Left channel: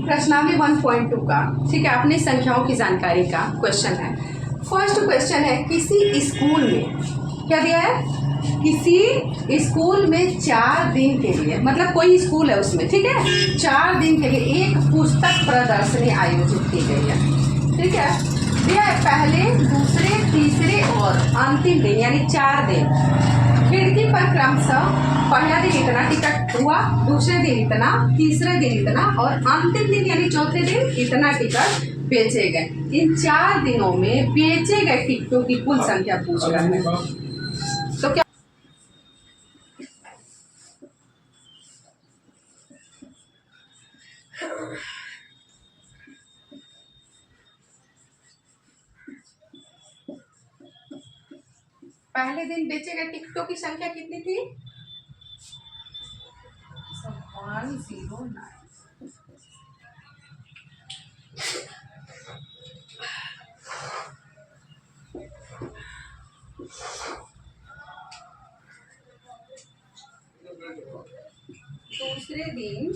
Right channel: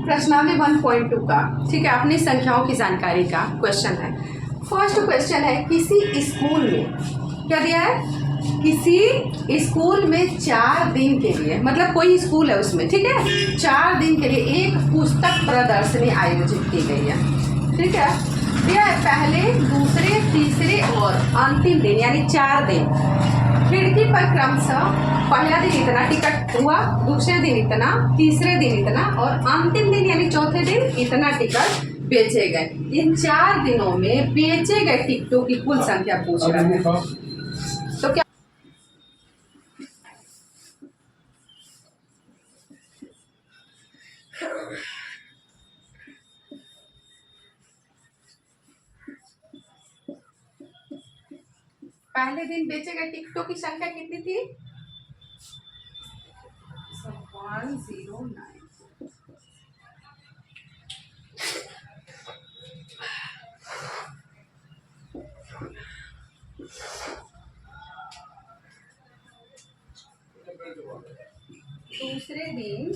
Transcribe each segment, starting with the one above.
प्रश्नावली 1.2 का, ठीक है, अपनी संख्याओं की जानकारी का क्वेश्चन है। फर्स्ट क्वेश्चन है, किसी स्कूल में क्या दिया है, किसी स्कूल में 4 दिन के लिए, मतलब कोई स्कूल है उसमें, ठीक है, 4 दिन के लिए एक पुस्तक प्रदर्शनी आयोजित की गई है, ठीक है। दिया है पहले, दूसरे, तीसरे और अंतिम दिन, यानी 4 दिन। खिड़की पर क्रमशः पहला दिन इतना टिकट हुआ, दूसरे दिन इतना, तीसरे दिन इतना और अंतिम दिन यानी चौथे दिन इतना टिकट बेचे गए। इन 4 दिनों में बेचे गए टिकटों की कुल संख्या पूछ रहा है। तो क्या पहले दिन बेचे गए टिकटों की संख्या कितनी थी? 109। दूसरे दिन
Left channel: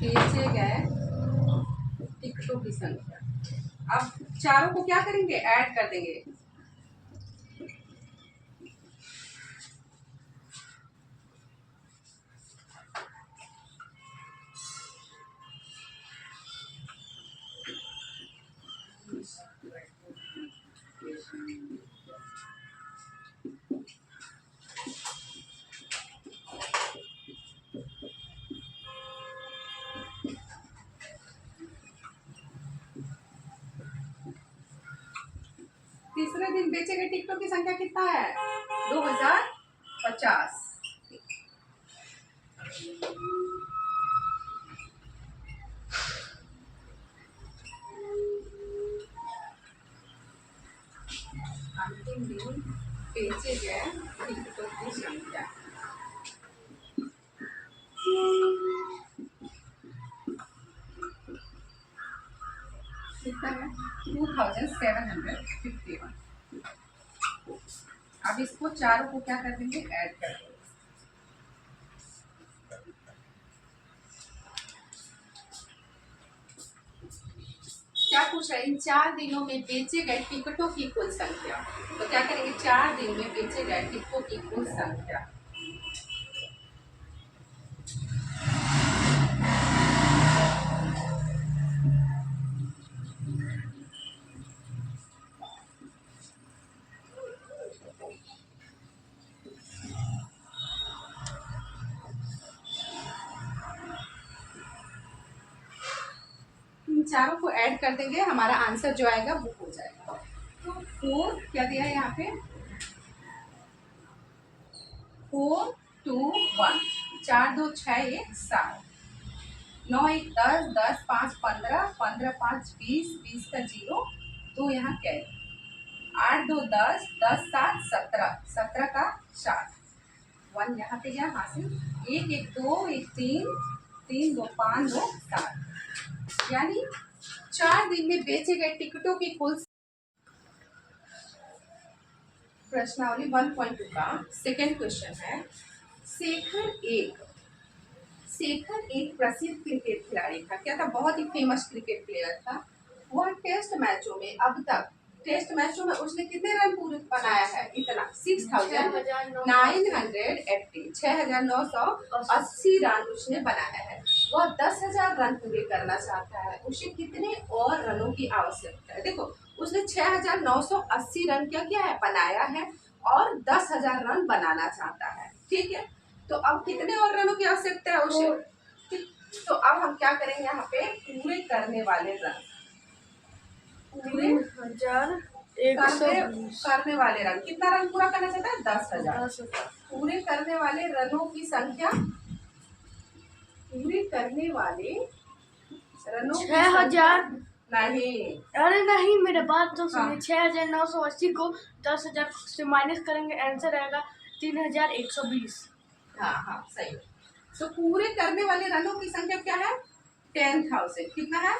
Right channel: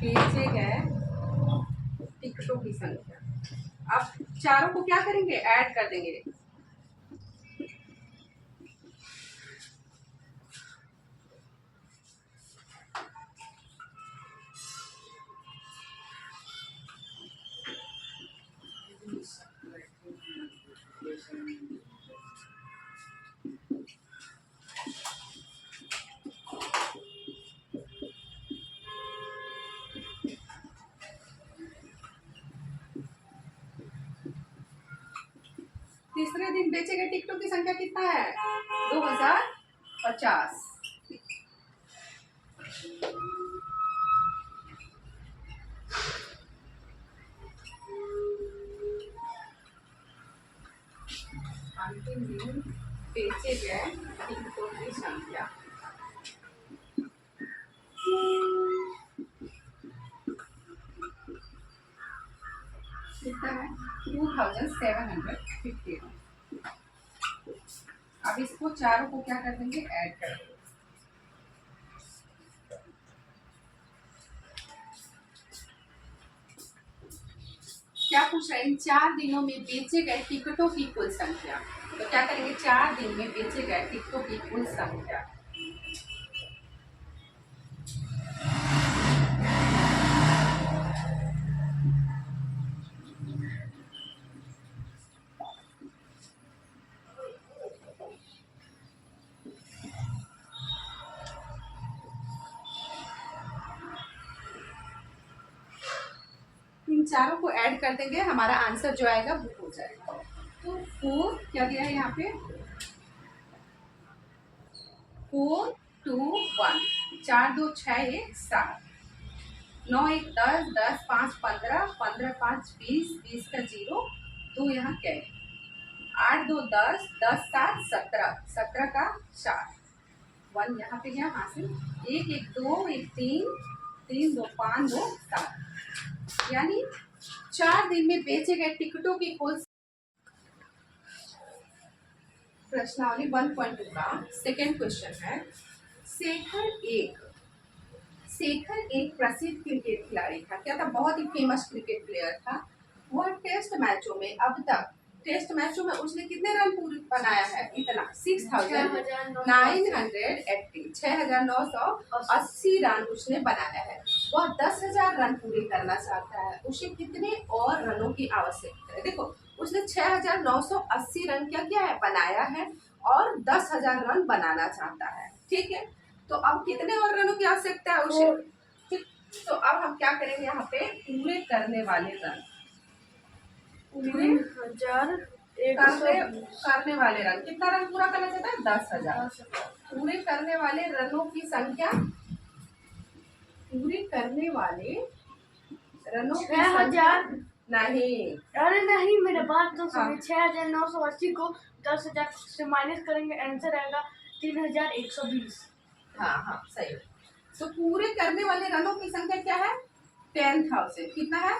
बेचे गए टिकटों की संख्या, अब चारों को क्या करेंगे, ऐड कर देंगे। तीसरे दिन बेचे गए टिकटों की संख्या कितना है, 2050। अंतिम दिन बेचे गए टिकटों की संख्या कितना है, 2751। अब इसको चारों को क्या कर देंगे, ऐड कर देंगे। क्या पूछ रहा है, इन 4 दिनों में बेचे गए टिकटों की कुल संख्या। तो क्या करेंगे, 4 दिन में बेचे गए टिकटों की कुल संख्या। इन चारों को ऐड कर देंगे, हमारा आंसर जो आएगा वो हो जाएगा। तो 4 क्या दिया है यहाँ पे, 4 2 1, 4 2 6 1 7, 9 1 10, 10 5 15, 15 5 20, 20 का 0, 2 यहाँ कैरी, 8 2 10, 10 7 17, 17 का 4, 1 यहाँ पे गया हासिल, 1 1 2 1 3, 3 2 5 2 7, यानी 4 दिन में बेचे गए टिकटों की कुल। प्रश्नावली 1.2 का सेकेंड क्वेश्चन है, शेखर एक प्रसिद्ध क्रिकेट खिलाड़ी था। क्या था, बहुत ही फेमस क्रिकेट प्लेयर था। वह टेस्ट मैचों में अब तक उसने कितने रन पूरे बनाया है, इतना 6980 रन उसने बनाया है। वह 10,000 रन पूरे करना चाहता है, उसे कितने और रनों की आवश्यकता है। देखो, उसने 6980 रन क्या किया है, बनाया है और 10,000 रन बनाना चाहता है, ठीक है। तो अब कितने और रनों की आवश्यकता है उसे, तो अब हम क्या करेंगे, यहाँ पे पूरे करने वाले रन, पूरे करने वाले रन, कितना रन पूरा करना चाहता है, 10,000। पूरे करने वाले रनों की संख्या, पूरे करने वाले रनों की 6,000 नहीं, अरे नहीं, मेरा बात तो सुनिए। 6,980 को 10,000 से माइनस करेंगे, आंसर आएगा 3,120। हाँ सही। तो पूरे करने वाले रनों की संख्या क्या है, 10,000। कितना है,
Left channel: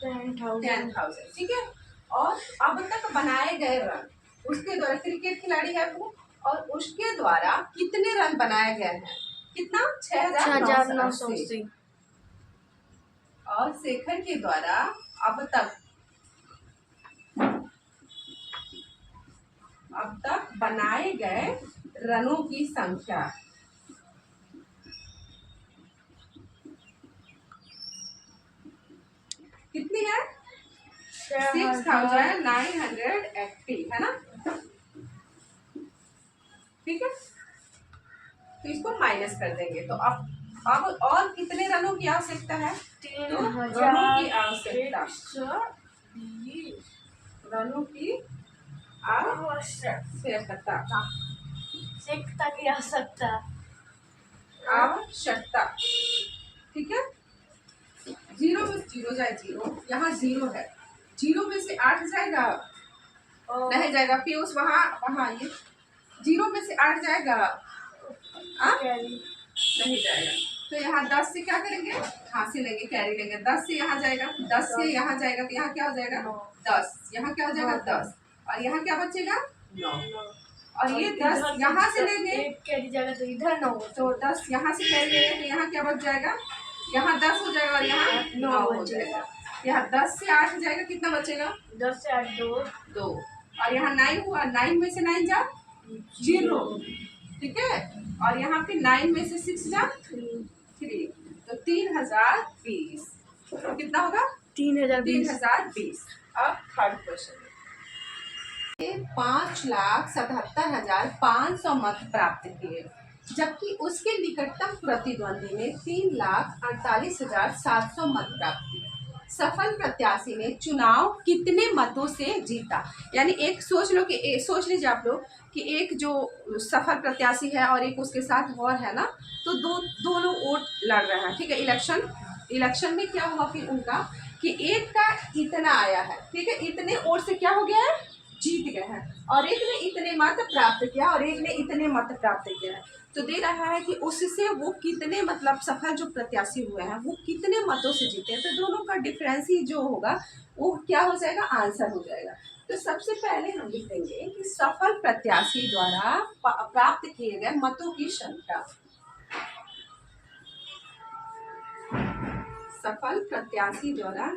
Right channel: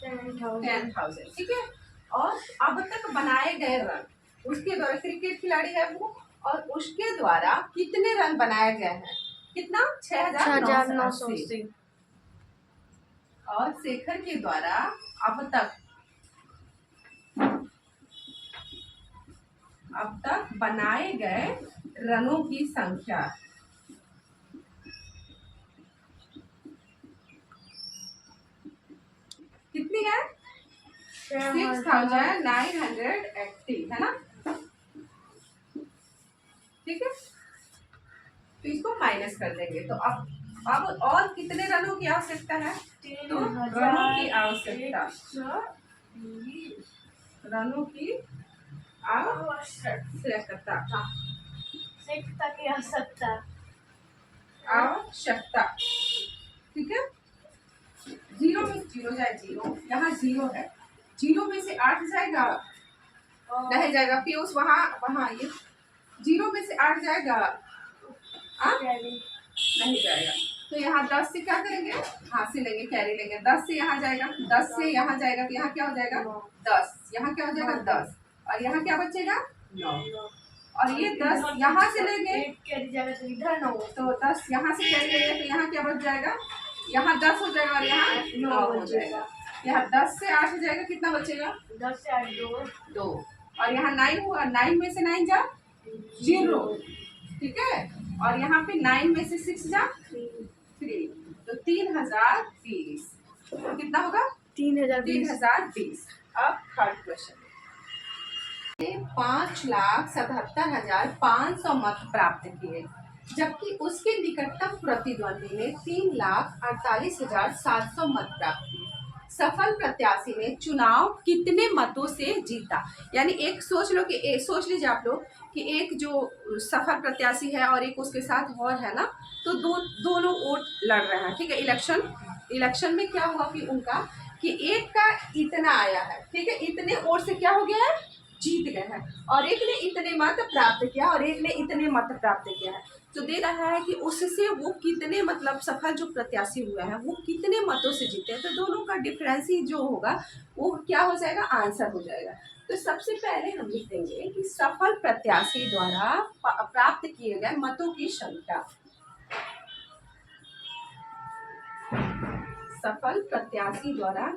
10,000, ठीक है। और अब तक बनाए गए रन, उसके द्वारा, क्रिकेट खिलाड़ी है वो, और उसके द्वारा कितने रन बनाए गए हैं? कितना? 6,980। और शेखर के द्वारा अब तक बनाए गए रनों की संख्या कितनी है? 6,980 है ना? ठीक है, तो इसको माइनस कर देंगे। तो अब और कितने रनों की आवश्यकता है? तो रनों की आवश्यकता, रनों की आवश्यकता, ठीक है। जीरो में जीरो जाए जीरो, यहाँ जीरो है, जीरो में से 8 जाएगा, नहीं जाएगा। पीयूष वहाँ ये जीरो में से 8 जाएगा, नहीं जाएगा। तो यहाँ 10 से क्या करेंगे? हाँ से लेंगे, कैरी लेंगे। 10 से यहाँ जाएगा, 10 से यहाँ जाएगा, तो यहाँ क्या हो जाएगा? 10। यहाँ क्या हो जाएगा? 10। और यहाँ क्या बचेगा? 9। और ये 10 यहाँ से लेंगे, कैरी जाएगा तो इधर 9, तो 10 यहाँ से कैरी लेंगे, तो यहाँ क्या बच जाएगा? यहाँ 10 हो जाएगा और यहाँ 9 हो जाएगा। यहाँ 10 से 8 जाएगा, कितना बचेगा? 10 से 8 2। और यहाँ 9 हुआ, 9 में से 9 जा 0, ठीक है। और यहाँ पे 9 में से 6 जा 3, तो 3020 कितना होगा? 3020। अब थर्ड क्वेश्चन, 5,77,500 मत प्राप्त किए, जबकि उसके निकटतम प्रतिद्वंदी ने 3,48,700 मत प्राप्त किए। सफल प्रत्याशी ने चुनाव कितने मतों से जीता? यानी एक सोच लीजिए आप लोग कि एक जो सफल प्रत्याशी है और एक उसके साथ और है ना, तो दोनों वोट लड़ रहे हैं, ठीक है। इलेक्शन में क्या हुआ कि उनका कि एक का इतना आया है, ठीक है, इतने वोट से क्या हो गया है? जीत गए हैं। और एक ने इतने मत प्राप्त किया और एक ने इतने मत प्राप्त किया है। तो दे रहा है कि उससे वो कितने, मतलब सफल जो प्रत्याशी हुए हैं वो कितने मतों से जीते हैं। तो दोनों का डिफरेंस ही जो होगा वो क्या हो जाएगा? आंसर हो जाएगा। तो सबसे पहले हम लिख देंगे कि सफल प्रत्याशी द्वारा प्राप्त किए गए मतों की संख्या, सफल प्रत्याशी द्वारा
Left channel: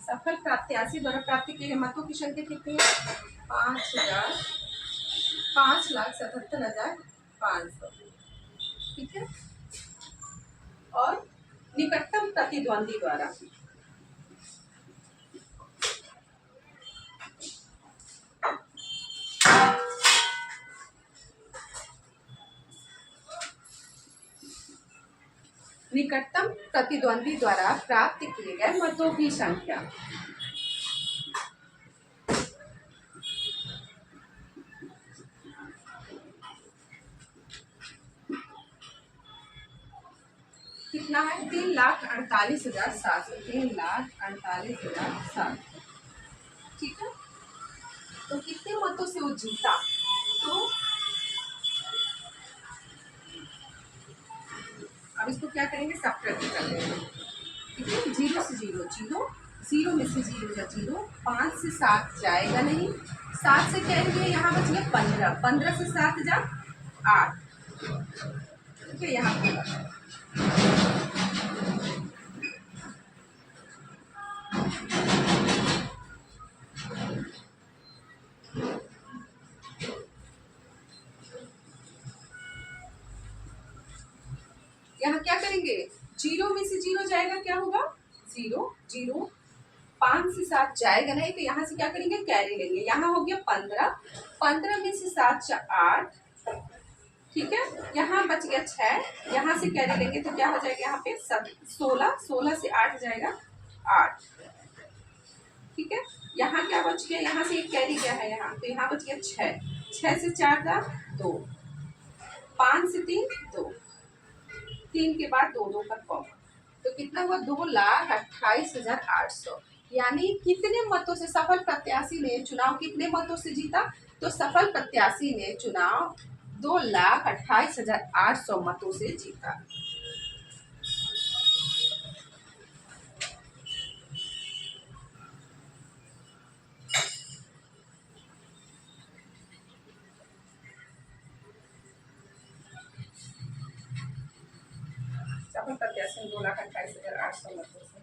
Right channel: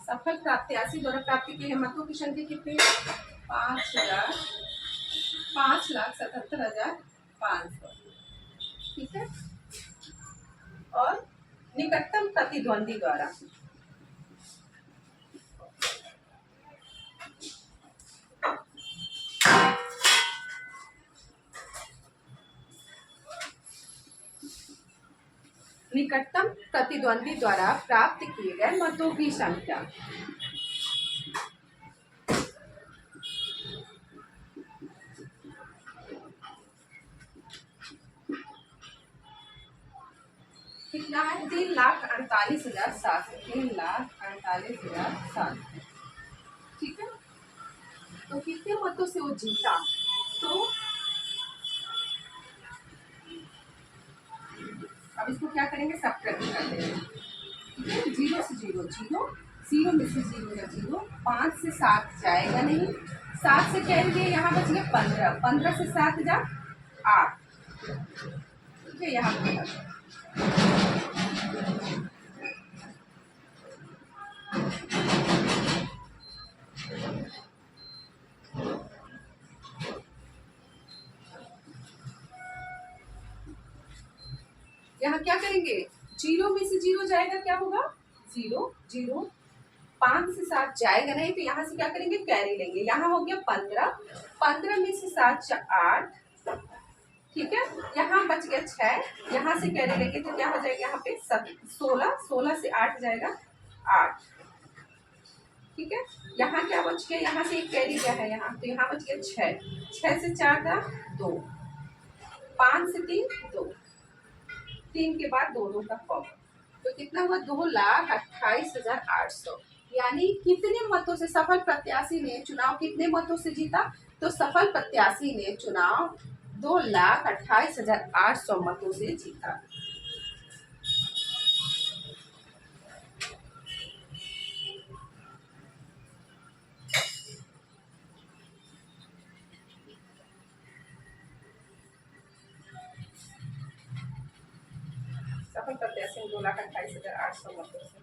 सफल प्रत्याशी द्वारा प्राप्त किए गए मतों की संख्या कितनी है? 5,77,500, ठीक है। और निकटतम प्रतिद्वंदी द्वारा प्राप्त किए गए मतों की संख्या, कितना है? 3,48,700, 3,48,700, ठीक है। तो कितने मतों से वो जीता? तो अब इसको क्या करेंगे? सब्ट्रैक्ट कर देंगे, ठीक है। 0 से 0 0, 0 में से 0 या 0, 5 से 7 जाएगा नहीं, 7 से कैरी दिए, यहाँ बच गया 15, 15 से 7 जा 8, ठीक है। यहाँ क्या करेंगे? 0 में से 0 जाएगा, क्या होगा? 0 0, 5 से 7 जाएगा नहीं, तो यहाँ से क्या करेंगे? कैरी लेंगे। यहाँ हो गया 15, 15 में से 7 8, ठीक है। यहाँ बच गया 6, यहाँ से कैरी लेंगे तो क्या हो जाएगा? यहाँ पे 16, 16 से 8 जाएगा 8, ठीक है। यहाँ क्या बच गया? यहाँ से एक कैरी गया है यहाँ, तो यहाँ बच गया 6, 6 से 4 का 2, 5 से 3 2, 3 के बाद 2 2 का कॉमन, तो कितना हुआ? 2,28,800। यानी कितने मतों से सफल प्रत्याशी ने चुनाव कितने मतों से जीता? तो सफल प्रत्याशी ने चुनाव 2,28,800 मतों से जीता। सफल प्रत्याशी ने 2,28,800 मतों से।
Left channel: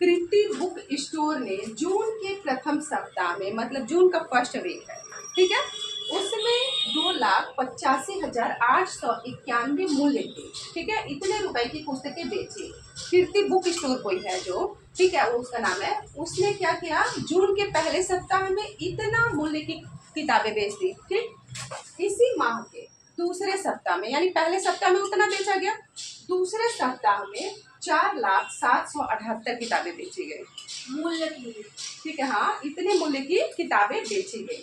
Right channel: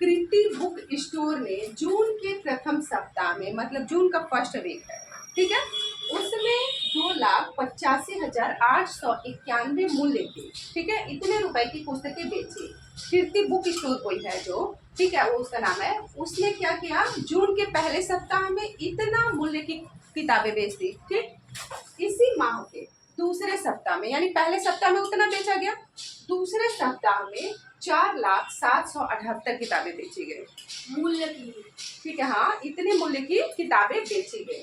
कृति बुक स्टोर ने जून के प्रथम सप्ताह में, मतलब जून का फर्स्ट वीक है, ठीक है, उसमें 2,85,891 मूल्य की, ठीक है, इतने रुपए की पुस्तकें बेची। कृति बुक स्टोर कोई है जो, ठीक है, वो उसका नाम है, उसने क्या किया, जून के पहले सप्ताह में इतना मूल्य की किताबें बेच दी, ठीक। इसी माह के दूसरे सप्ताह में, यानी पहले सप्ताह में उतना बेचा गया, दूसरे सप्ताह में 4,07,78 किताबें बेची गई, मूल्य की, ठीक है, हाँ, इतने मूल्य की किताबें बेची गई,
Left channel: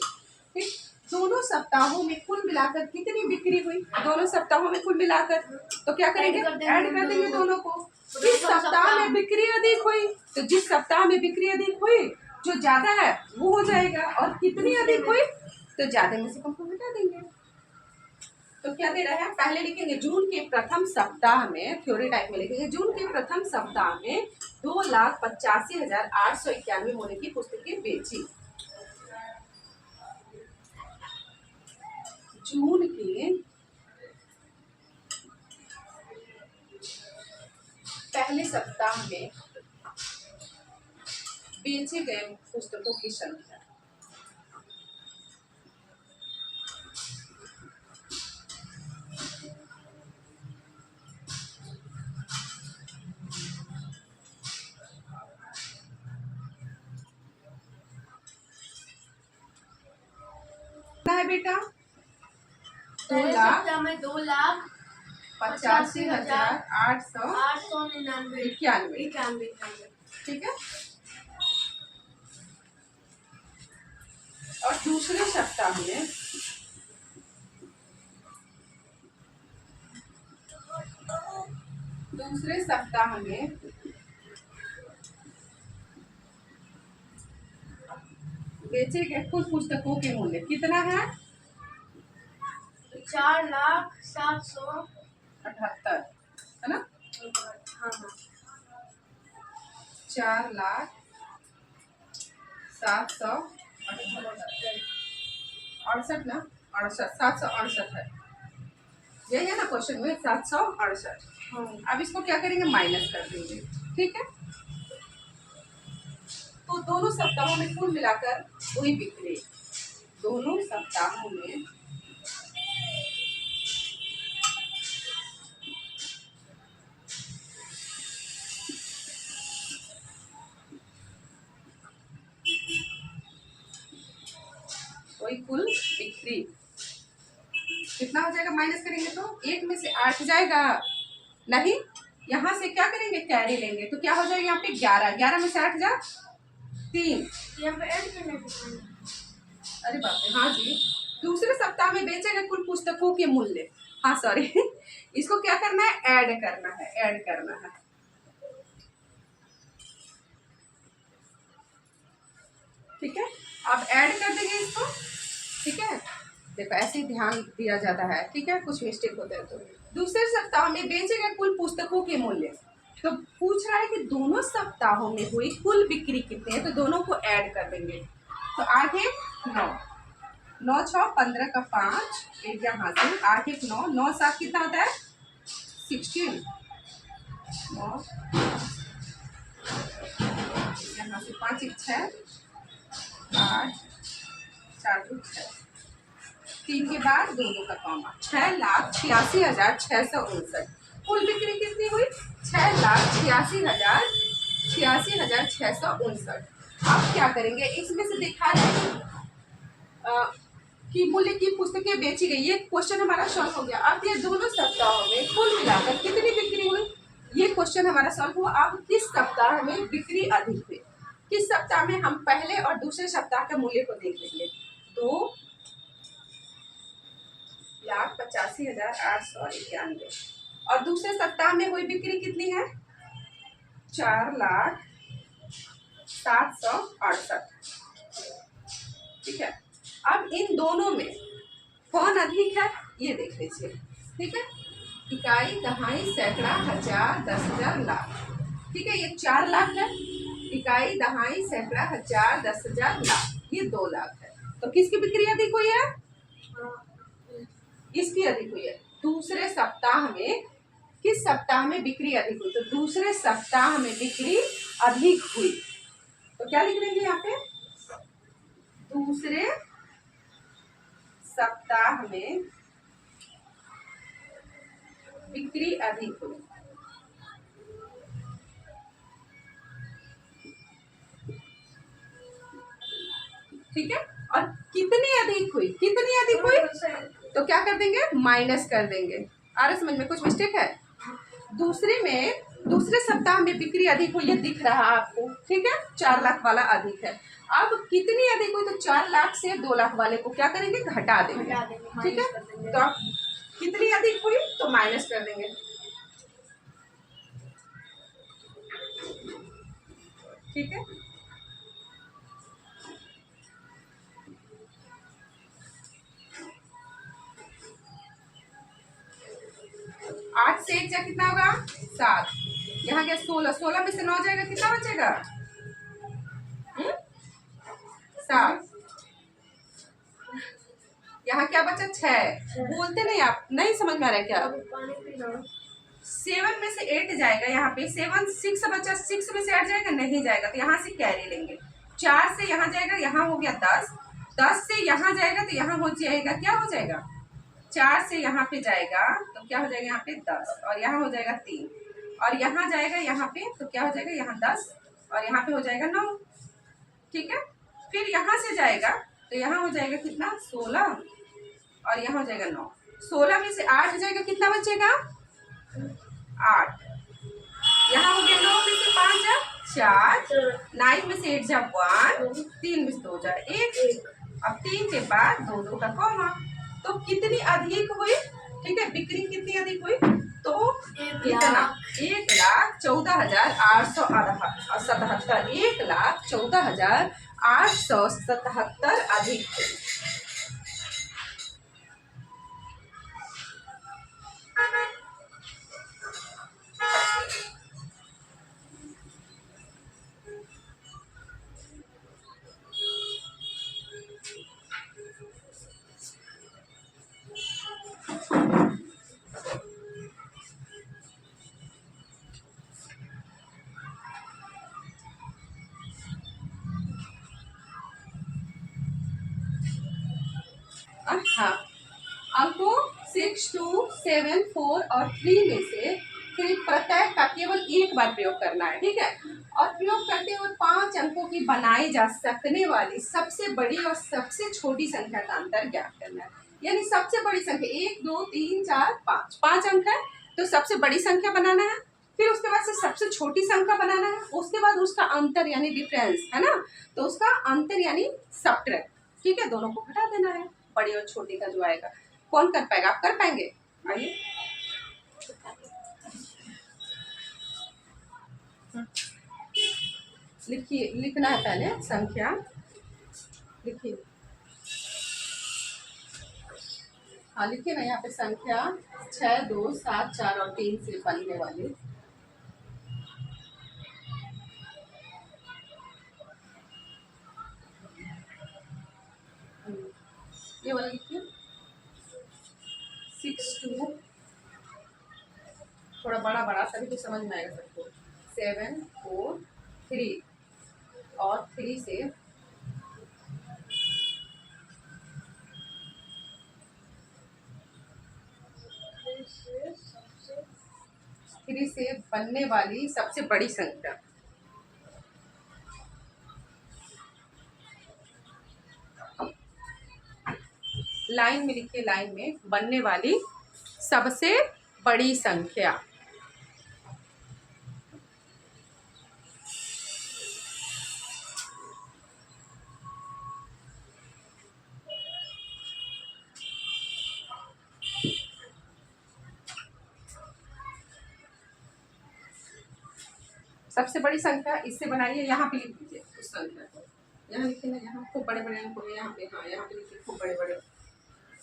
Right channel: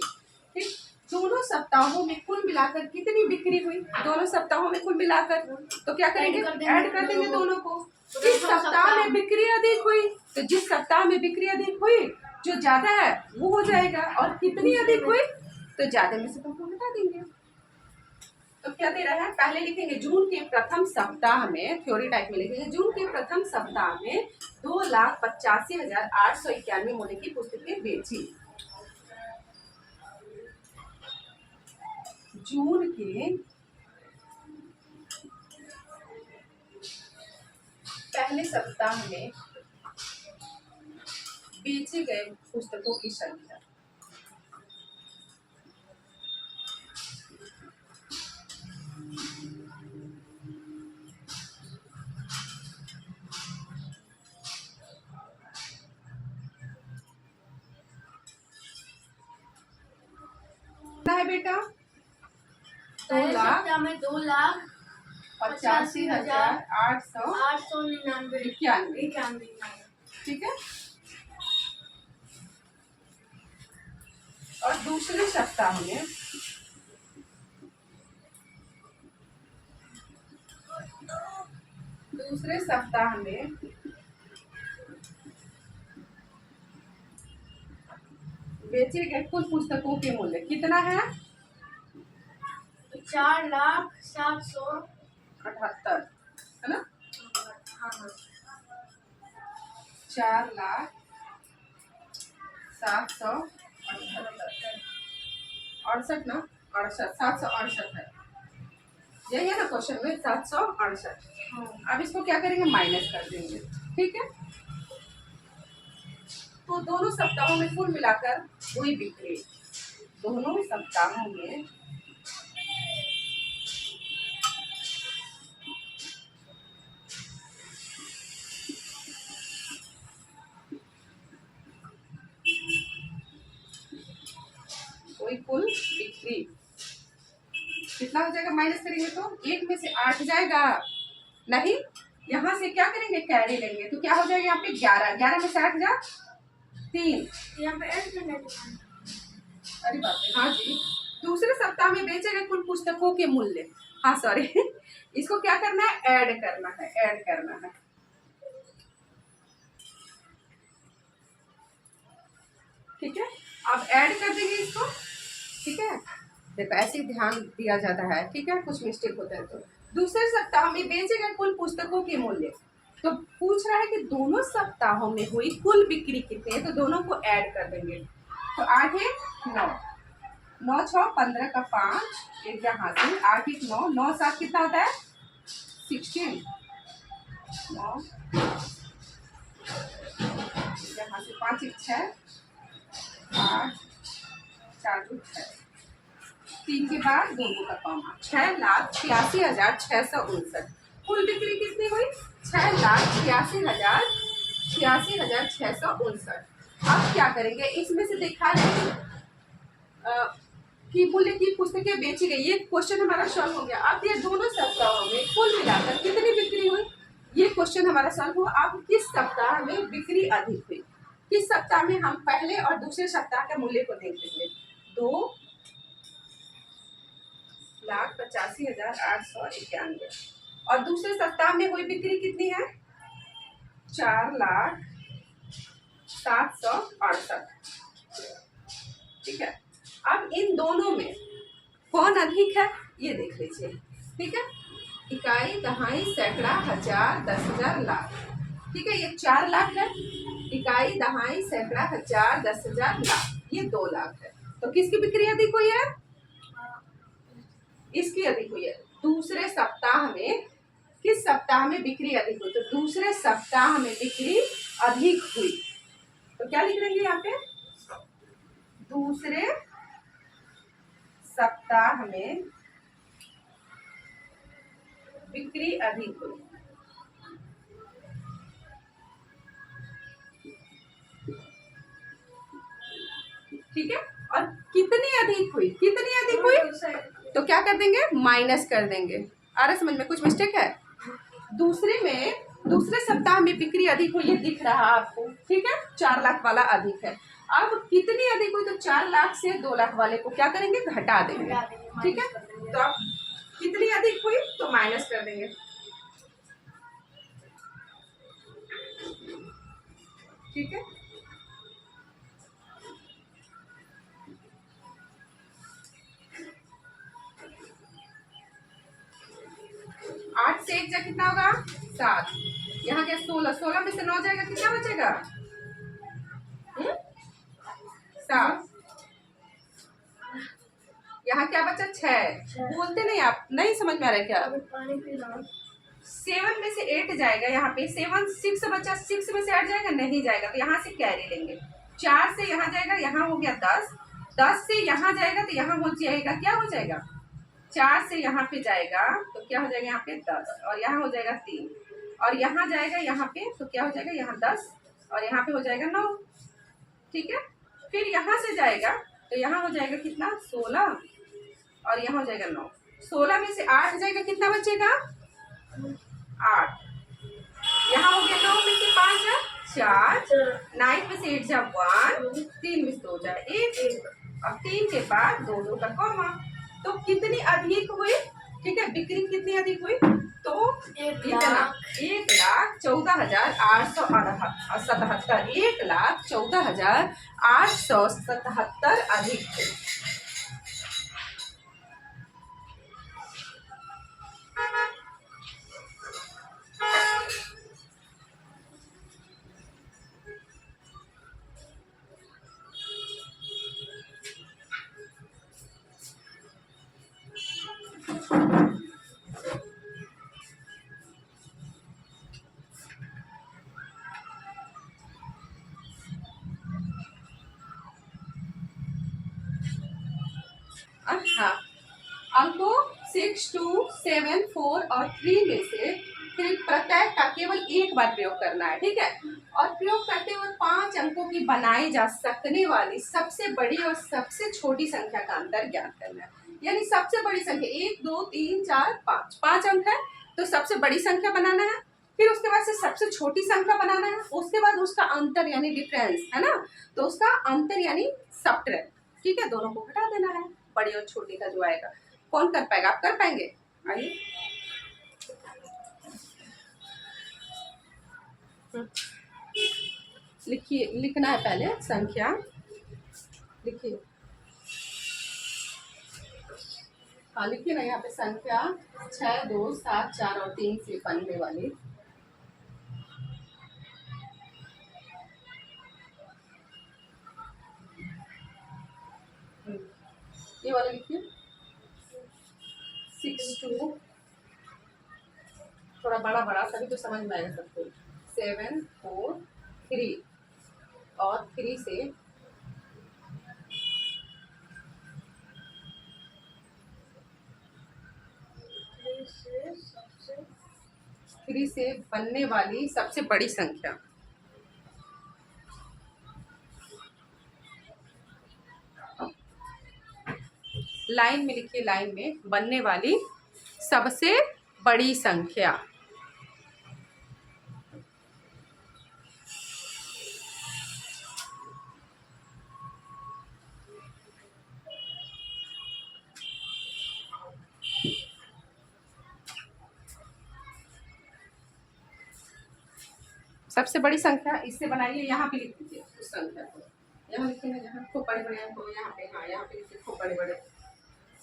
ठीक। दोनों सप्ताहों में कुल मिलाकर कितनी बिक्री हुई, दोनों सप्ताहों में कुल मिलाकर, तो क्या करेंगे, ऐड कर देंगे दोनों को। जिस सप्ताह में बिक्री अधिक हुई, तो जिस सप्ताह में बिक्री अधिक हुई, जो ज्यादा है वो हो जाएगा, और कितनी अधिक हुई, तो ज्यादा में से कम को घटा देंगे। तो क्या दे रहे हैं, पहले लिखेंगे जून के प्रथम सप्ताह में, थ्योरी टाइप में लिखेंगे, जून के प्रथम सप्ताह में 2,85,891 मूल्य की पुस्तकें बेची। जून के पहले सप्ताह में बेचे गए पुस्तकों की संख्या, कितना है बेटा, 2,85,891, ठीक है। और दूसरे सप्ताह में बेचे गए कुल पुस्तकों के मूल्य कितना है, 4,07,78, है ना, हाँ हाँ, 4,07,78 ना, 768 है, यही है ना क्वेश्चन में, 768। हाँ। अब इसको क्या करेंगे, माइनस कर देंगे, ठीक है। तो दोनों सप्ताहों में कुल मिलाकर वही बिक्री, दोनों सप्ताहों में वही कुल बिक्री कितना हो जाएगा, माइनस करेंगे तो 1 में से 8 जाएगा, नहीं, यहाँ से क्या करेंगे, कैरी लेंगे, तो क्या हो जाएगा, यहाँ पे 11 में से 8 जा 3, यहाँ पे ऐड करना है। अरे बाप रे, हाँ जी, दूसरे सप्ताह में बेचे गए कुल पुस्तकों के मूल्य, हाँ सॉरी इसको क्या करना है, ऐड करना है, ऐड करना है, ठीक है। अब ऐड कर देंगे इसको, ठीक है, देखो ऐसे ही ध्यान दिया जाता है, ठीक है, कुछ मिस्टेक होता है तो। दूसरे सप्ताह में बेचे गए कुल पुस्तकों के मूल्य, तो पूछ रहा है कि दोनों सप्ताहों में हुई कुल बिक्री कितनी है, तो दोनों को ऐड कर देंगे, तो 8 1 9, 9 6 15 का 5, एक यहाँ से 8 1 9, 9 7 कितना होता है 16, 9 यहाँ से 5 1 6 8 4 2 6, 3 के बाद दोनों का कॉमा, 6,86,659 कुल बिक्री कितनी हुई, 6,86,659। अब क्या करेंगे, इसमें से दिखा रहे हैं कि मूल्य की पुस्तकें बेची गई, ये क्वेश्चन हमारा सॉल्व हो गया। अब ये दोनों सप्ताहों में कुल मिलाकर कितनी बिक्री हुई, ये क्वेश्चन हमारा सॉल्व हुआ। अब किस सप्ताह में बिक्री अधिक हुई, किस सप्ताह में, हम पहले और दूसरे सप्ताह के मूल्य को देख लेंगे। 2 1,85,891। और दूसरे सप्ताह में हुई बिक्री कितनी है? 4,07,68। ठीक है, अब इन दोनों में कौन अधिक है ये देख लीजिए। ठीक है, इकाई, दहाई, सैकड़ा, हजार, 10,000, लाख। ठीक है, ये 4 लाख है। इकाई, दहाई, सैकड़ा, हजार, 10,000, लाख, ये 2 लाख है। तो किसकी बिक्री अधिक हुई है? इसकी अधिक हुई है। दूसरे सप्ताह में, किस सप्ताह में बिक्री अधिक हुई? तो दूसरे सप्ताह में बिक्री अधिक हुई। तो क्या लिख देंगे यहाँ पे? दूसरे सप्ताह में बिक्री अधिक हुई। ठीक है, और कितनी अधिक हुई? कितनी अधिक हुई? तो क्या कर देंगे? माइनस कर देंगे। आ रहा समझ में? कुछ मिस्टेक है? दूसरे सप्ताह में बिक्री अधिक हुई, ये दिख रहा है आपको। ठीक है, 4 लाख वाला अधिक है। अब कितनी अधिक हुई? तो 4 लाख से 2 लाख वाले को क्या करेंगे? घटा देंगे। ठीक है, तो अब कितनी अधिक हुई? तो माइनस कर देंगे। ठीक है, 8 से 1 जा कितना होगा? 7। यहाँ क्या? 16। 16 में से 9 जाएगा, कितना बचेगा? 7। यहाँ क्या बचा? 6। बोलते नहीं आप? नहीं समझ में आ रहा है क्या? 7 में से 8 जाएगा यहाँ पे। 7 6 बचा, 6 में से 8 जाएगा? नहीं जाएगा, तो यहाँ से कैरी लेंगे। 4 से यहाँ जाएगा, यहाँ हो गया 10। 10 से यहाँ जाएगा तो यहाँ हो जाएगा, क्या हो जाएगा? 4 से यहाँ पे जाएगा तो क्या हो जाएगा? यहाँ पे 10, और यहाँ हो जाएगा 3, और यहाँ जाएगा यहाँ पे तो क्या हो जाएगा? यहाँ 10, और यहाँ पे हो जाएगा 9। ठीक है, फिर यहाँ से जाएगा तो यहाँ हो जाएगा कितना? 16, और यहाँ हो जाएगा 9। 16 में से 8 जाएगा, कितना बचेगा? 8। यहाँ हो गया 9 में से 5 जा 4, 9 में से 8 जा 1, 3 में से 2 जा 1। अब 3 के बाद 2 2 का कॉमा। तो कितनी अधिक हुई? ठीक है, बिक्री कितनी अधिक हुई? तो इतना 1,14,877। 1,14,877 अधिक हुई। हाँ, अंकों 6, 2, 7, 4 और 3 में से फिर प्रत्येक का केवल एक बार प्रयोग करना है। ठीक है, और प्रयोग करते हुए 5 अंकों की बनाई जा सकने वाली सबसे बड़ी और सबसे छोटी संख्या का अंतर ज्ञात करना है। यानी सबसे बड़ी संख्या 1, 2, 3, 4, 5, 5 अंक है, तो सबसे बड़ी संख्या बनाना है। फिर उसके बाद से सबसे छोटी संख्या बनाना है, उसके बाद उसका अंतर यानी डिफरेंस है ना, तो उसका अंतर यानी सब्ट्रैक्ट। ठीक है, दोनों को घटा देना है, बड़ी और छोटी का जो आएगा। कौन कर पाएगा? आप कर पाएंगे? आइए, लिखिए, लिखना है पहले संख्या, लिखिए। हाँ लिखिए ना, यहाँ पे संख्या 6, 2, 7, 4 और 3 से बनने वाली ये वाला लिखिए। 6, 2, थोड़ा बड़ा बड़ा तभी तो समझ में आएगा सबको। 7, 4, 3 और 3 से 3 से बनने वाली सबसे बड़ी संख्या। लाइन में लिखिए, लाइन में बनने वाली सबसे बड़ी संख्या। सबसे बड़ी संख्या इससे बनाइए, यहाँ पे लिख दीजिए उस संख्या को, यहाँ लिखिए ना, यहाँ खूब बड़े बड़े अंकों में, यहाँ पे, हाँ यहाँ पे लिखिए खूब बड़े बड़े।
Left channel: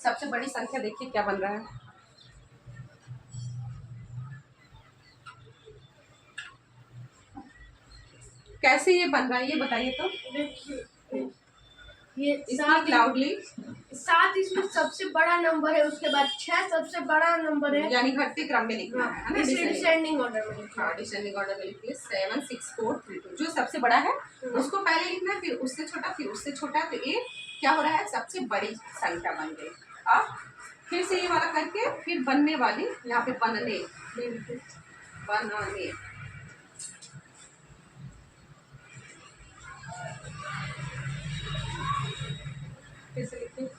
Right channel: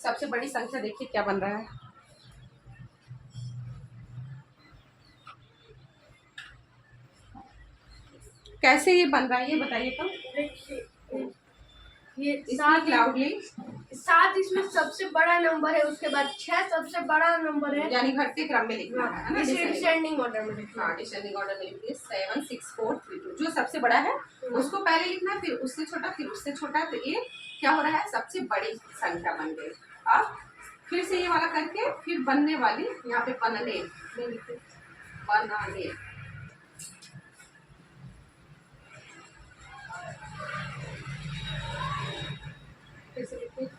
सबसे बड़ी संख्या देखिए क्या बन रहा है। कैसे ये बन रहा है ये बताइए तो। देखिए ये स्पीक लाउडली। 7 इसमें सबसे बड़ा नंबर है, उसके बाद 6 सबसे बड़ा नंबर है, यानी घटते क्रम में लिखना है ना, डिसेंडिंग ऑर्डर में लिखना है। हाँ डिसेंडिंग ऑर्डर में लिखिए 7 6 4 3 2। जो सबसे बड़ा है उसको पहले लिखना है, फिर उससे छोटा, फिर उससे छोटा। तो ये क्या हो रहा है, सबसे बड़ी संख्या बन गई। अब फिर से ये वाला करके फिर बनने वाली, यहाँ पे बनने, बनाने, फिर से लिखिए।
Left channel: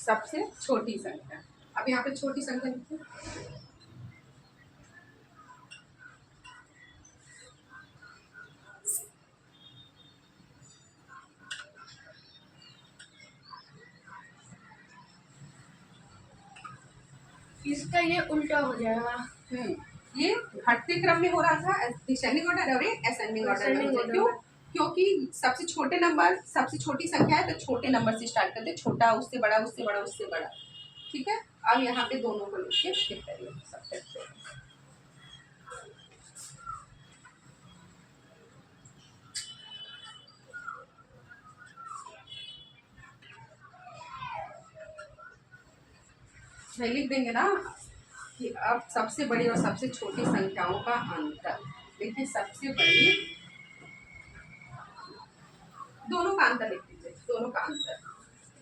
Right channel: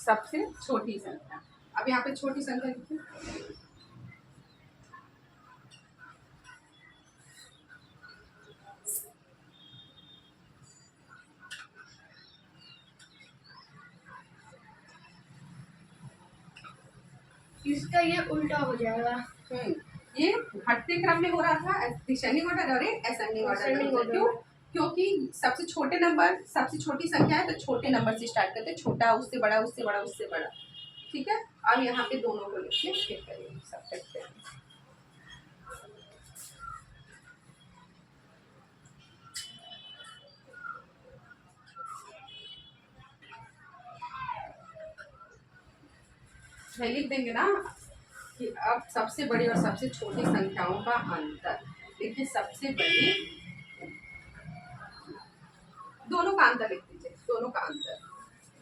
सबसे छोटी संख्या, अब यहाँ पे छोटी संख्या लिखिए। इसका ये उल्टा हो जाएगा। ये घटते क्रम में हो रहा था, डिसेंडिंग ऑर्डर और असेंडिंग ऑर्डर। क्यों? क्योंकि सबसे छोटे नंबर, सबसे छोटी संख्या है तो छोटे नंबर से स्टार्ट करते हैं, छोटा उससे बड़ा, उससे बड़ा, उससे बड़ा। ठीक है, अब यहाँ पे दोनों को लिखिए, फिर करिए सब। लिख देंगे ना कि अब सबसे बड़ी और सबसे छोटी संख्याओं का अंतर। देखिए सबसे बड़ी, दोनों का अंतर लिख दीजिए, दोनों का अंतर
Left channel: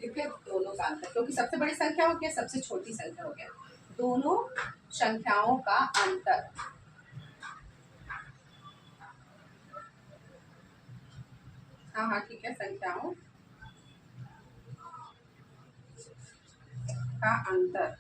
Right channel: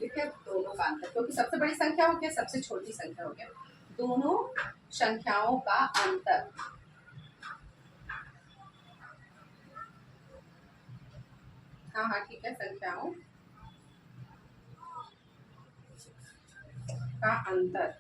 लिखिए, दोनों का अंतर, क्योंकि सबसे बड़ी संख्या हो गया, सबसे छोटी संख्या हो गया, दोनों संख्याओं का अंतर। हाँ हाँ ठीक है, संख्याओं का अंतर।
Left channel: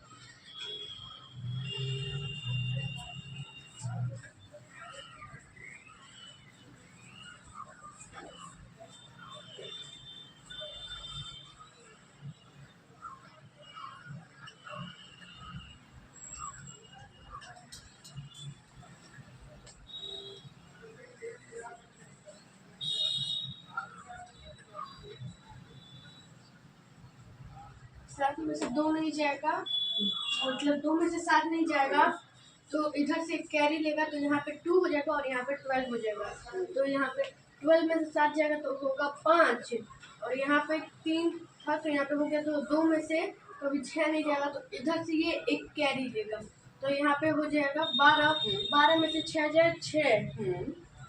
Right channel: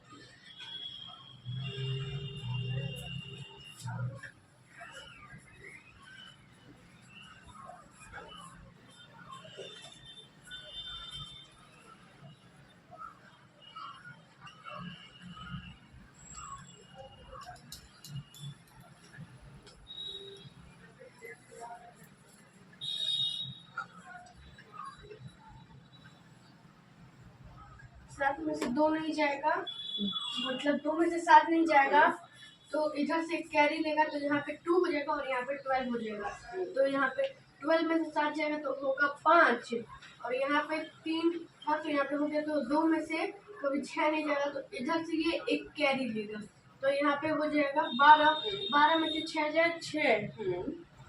सात में से 2 नहीं जाएगा, मतलब 2 में से 7 नहीं जाएगा, तो इधर से कैरी लेगा तो यहाँ पे 2 हो जाएगा और यहाँ पे 12 हो जाएगा। तो यहाँ पे 12 में से 7 जाएगा तो होगा 5, और यहाँ पे 3 था तो यहाँ पे हो गया, तो 2 में से कभी 6 नहीं जाएगा, तो इधर से ये एक कैरी लेगा तो यहाँ पे हो जाएगा 12। 12 में से 6 जाए 6,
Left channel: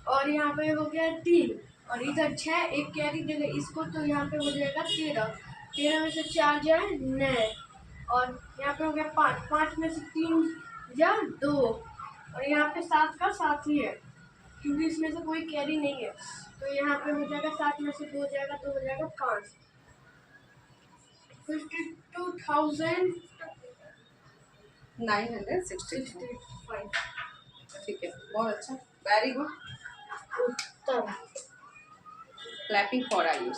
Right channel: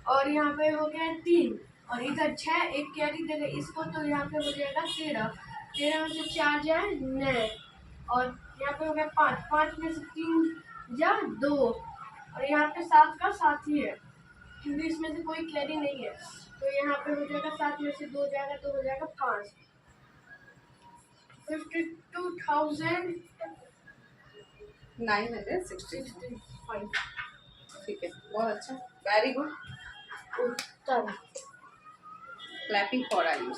और यहाँ पे हो गया 3, और इधर 6 एक कैरी देगा इसको, तो यहाँ पे हो जाएगा 13। 13 में से 4 जाए 9, और यहाँ पे हो गया 5। 5 में से 3 जा 2, और यहाँ पे 7 का 7 ही है क्योंकि इसमें से कोई कैरी नहीं है, तो यहाँ पे हो जाएगा 7 में से 2 जाएगा तो हो जाएगा 5। 52,965। ठीक है, बहुत अच्छा, very good. Uttar. Clapping for Ayush.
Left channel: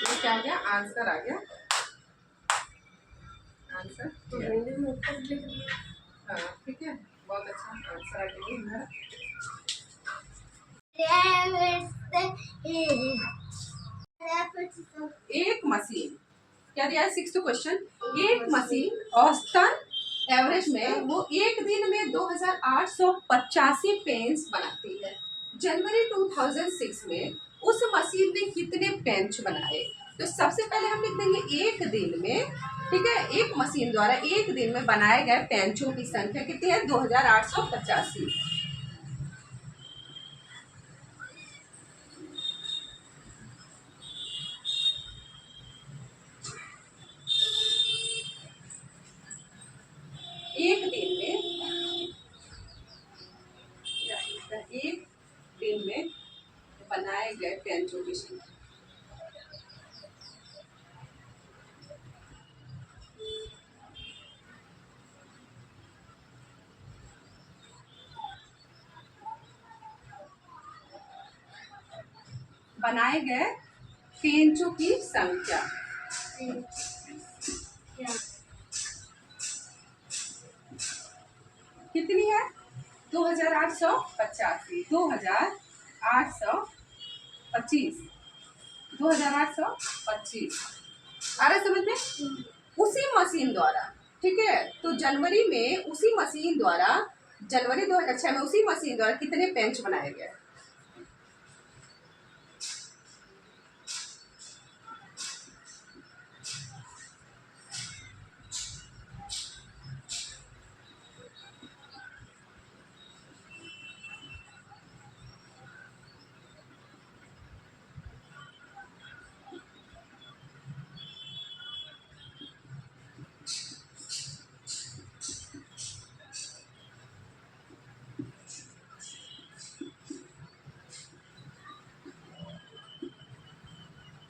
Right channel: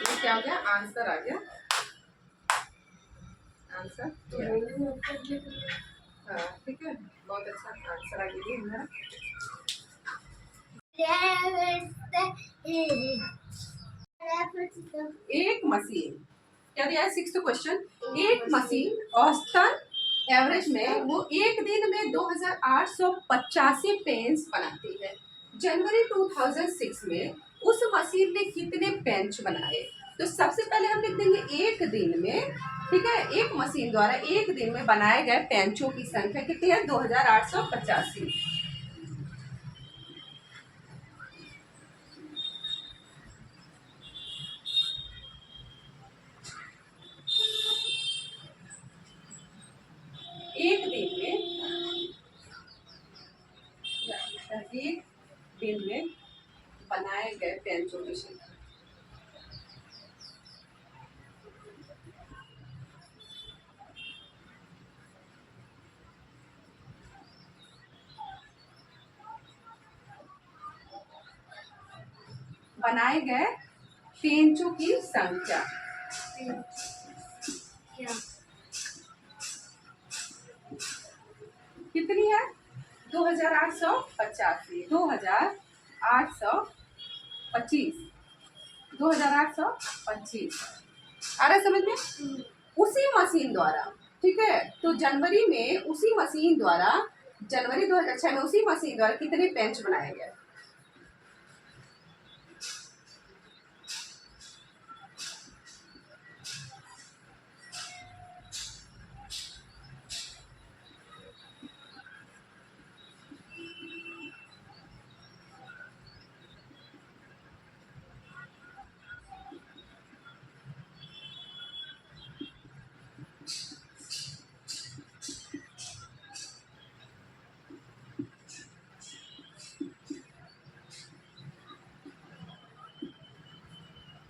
ये क्या आ गया, आंसर आ गया, आंसर। तो हिंदी में उत्तर लिख दिया। हाँ ठीक है, बहुत अच्छा आंसर आ गया हमारा। एक मशीन, क्या दिया है 6th क्वेश्चन, एक मशीन औसतन एवरेज में वो एक दिन में 2885 पेन्स बनाती है। जनवरी 2006 में उस मशीन ने कितने बेंच बनाए? तो सबसे पहले हम लिख देंगे एक दिन में, ठीक है, एक मशीन द्वारा एक दिन में बनाए गए बेंचों की संख्या कितनी है? 2885। एक दिन में, एक दिन में बनाए गए बेंचों की संख्या। बनाए गए बेंचों की संख्या क्या? कितनी है? 2885, 2825, 2825। आ रहा है समझ में? उसी मशीन द्वारा, ठीक है, तो जनवरी में उसी मशीन द्वारा, जनवरी 2006 में उसी मशीन द्वारा कितने बेंच बनाए गए?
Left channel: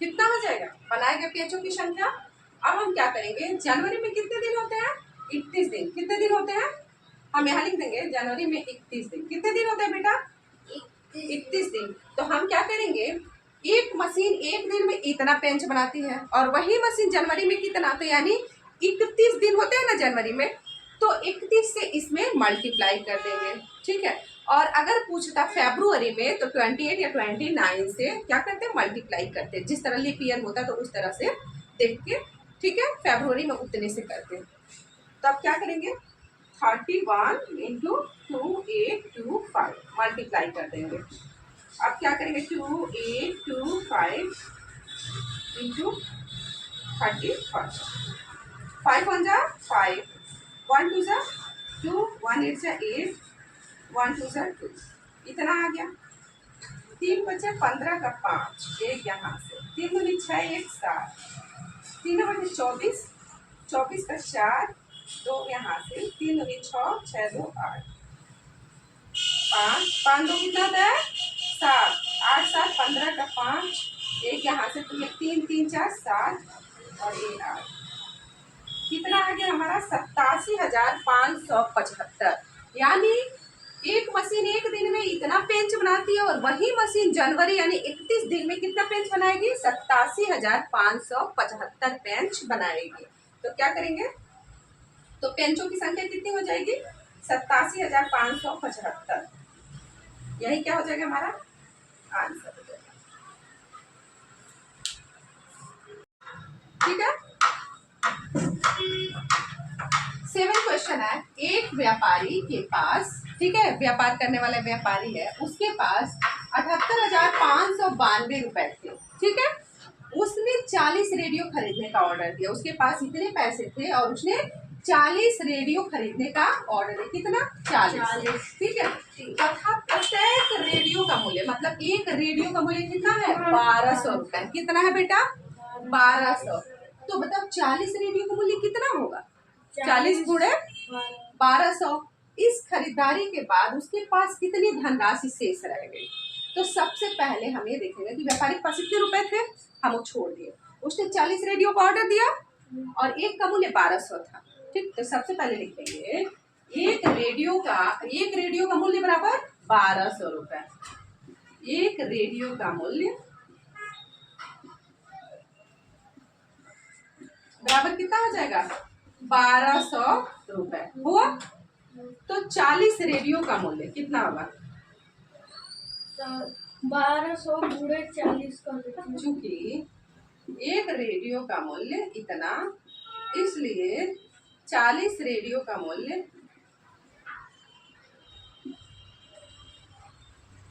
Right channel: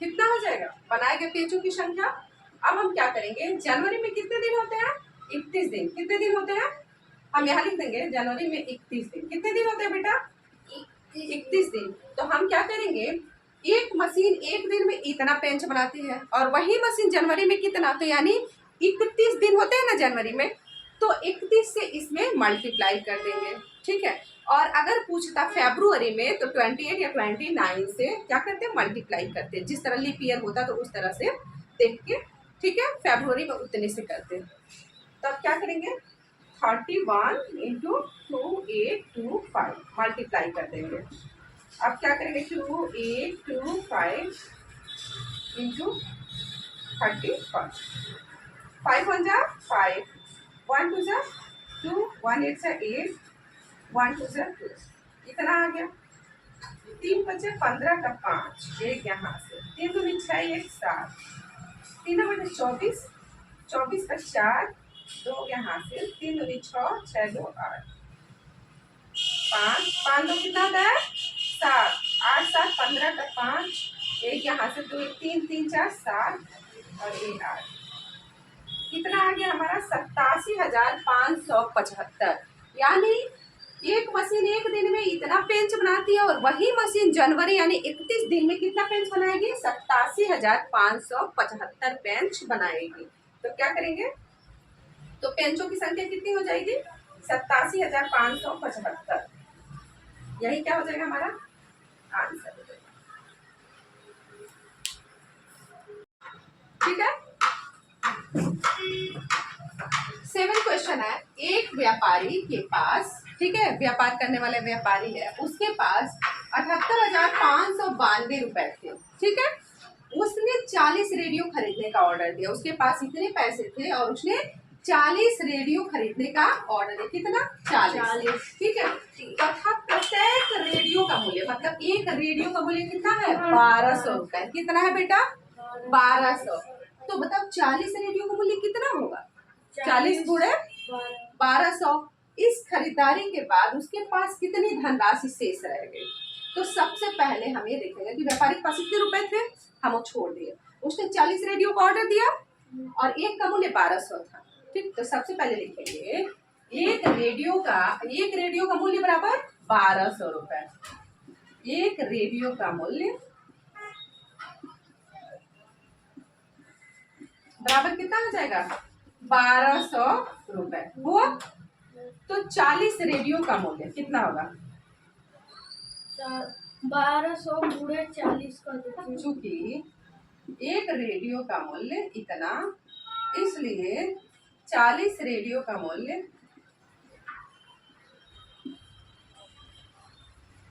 कितना हो जाएगा बनाए गए पेजों की संख्या? अब हम क्या करेंगे, जनवरी में कितने दिन होते हैं? 31 दिन। कितने दिन होते हैं? हम यहाँ लिख देंगे जनवरी में 31 दिन। कितने दिन होते हैं बेटा? 31 दिन। तो हम क्या करेंगे, एक मशीन एक दिन में इतना पेंच बनाती है और वही मशीन जनवरी में कितना, तो यानी 31 दिन होते हैं ना जनवरी में, तो 31 से इसमें मल्टीप्लाई कर देंगे, ठीक है। और अगर पूछता फरवरी में तो 28 या 29 से क्या करते हैं, मल्टीप्लाई करते हैं, जिस तरह लीप ईयर होता है तो उस तरह से देख के, ठीक है, फरवरी में उतने से करते हैं। तो अब क्या करेंगे, 31 इंटू 2825 मल्टीप्लाई कर देंगे। अब क्या करेंगे, 2825 इंटू 31, 5 1 जा 5, 1 2 जा 2, 1 8 जा 8, 1 2 जा 2, इतना आ गया। 3 बचे 15 का 5, एक यहाँ से 3 दूनी 6 1 7, 3 बचे 24, 24 का 4, 2 यहाँ से 3 दूनी 6 6 2 8, 5 5 2 कितना होता है 7, 8 7 15 का 5, एक यहाँ से 2 3 3 4 7 और 1 8, कितना आ गया हमारा 87,575। यानी एक मशीन एक दिन में इतना पेंच बनाती है और वही मशीन जनवरी यानी 31 दिन में कितना पेंच बनाएगी, 87,575 पेंच बनाएगी। तो क्या करेंगे, तो पेंचों की संख्या कितनी हो जाएगी, 87,575। यही क्या हो जाएगा हमारा आंसर हो जाएगा, ठीक है। 7 क्वेश्चन है, एक व्यापारी के पास, ठीक है, व्यापार करने वाला व्यापारी है, उसके पास 78,592 रुपए थे, ठीक है। उसने 40 रेडियो खरीदने का ऑर्डर दिया, उसके पास इतने पैसे थे और उसने 40 रेडियो खरीदने का ऑर्डर दिया, कितना 40, ठीक है। तथा प्रत्येक रेडियो का मूल्य, मतलब एक रेडियो का मूल्य कितना है, 1200 रुपए। कितना है बेटा, 1200। तो बताओ 40 रेडियो का मूल्य कितना होगा, 40 गुणे 1200। इस खरीदारी के बाद उसके पास कितनी धनराशि शेष रह गई? तो सबसे पहले हम ये देखेंगे कि व्यापारी के पास कितने रुपए थे, हम वो छोड़ दिए। उसने 40 रेडियो का ऑर्डर दिया और एक का मूल्य 1200 था, ठीक। तो सबसे पहले लिखेंगे एक रेडियो का मूल्य बराबर 1200 रुपए। एक रेडियो का मूल्य बराबर कितना हो जाएगा, 1200 रुपए हुआ। तो 40 रेडियो का मूल्य कितना होगा, 1200 गुणे 40 का देखिए। चूंकि एक रेडियो का मूल्य इतना, इसलिए 40 रेडियो का मूल्य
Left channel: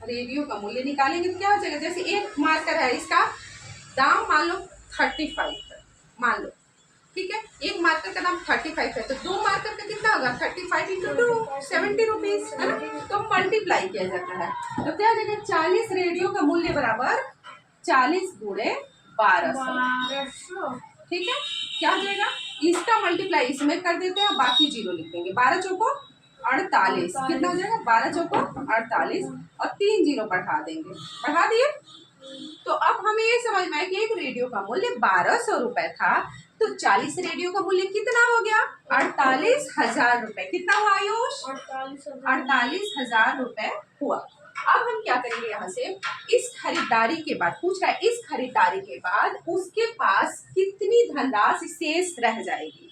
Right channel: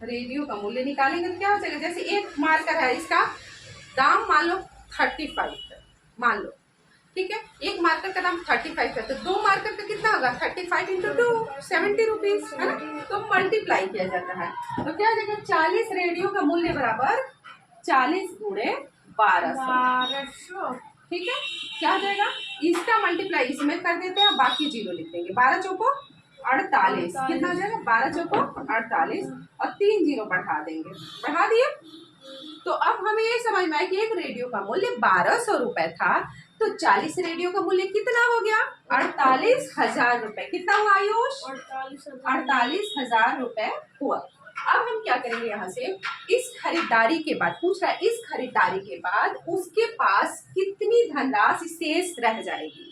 रेडियो का मूल्य निकालेंगे तो क्या हो जाएगा, जैसे एक मार्कर है, इसका दाम मान लो 35 है, मान लो, ठीक है, एक मार्कर का दाम 35 है, तो दो मार्कर का कितना होगा, 35 इंटू 2 70 रुपीज है ना, तो मल्टीप्लाई किया जाता है। तो क्या हो जाएगा, 40 रेडियो का मूल्य बराबर 40 गुणे 1200, ठीक है, क्या हो जाएगा, इसका मल्टीप्लाई इसमें कर देते हैं, बाकी जीरो लिख देंगे, 12 चौको 48, कितना हो जाएगा, 12 चौको 48 और 3 जीरो बढ़ा देंगे, बढ़ा दिए। तो अब हमें ये समझ में आया कि एक रेडियो का मूल्य 1200 रुपए था, तो 40 रेडियो का मूल्य कितना हो गया, 48,000 रुपए। कितना हुआ आयुष, 48,000 रुपए हुआ। अब हम क्या करेंगे, यहाँ से इस खरीदारी के बाद पूछ रहा है, इस खरीदारी के बाद उसके पास कितनी धनराशि शेष रह जाएगी।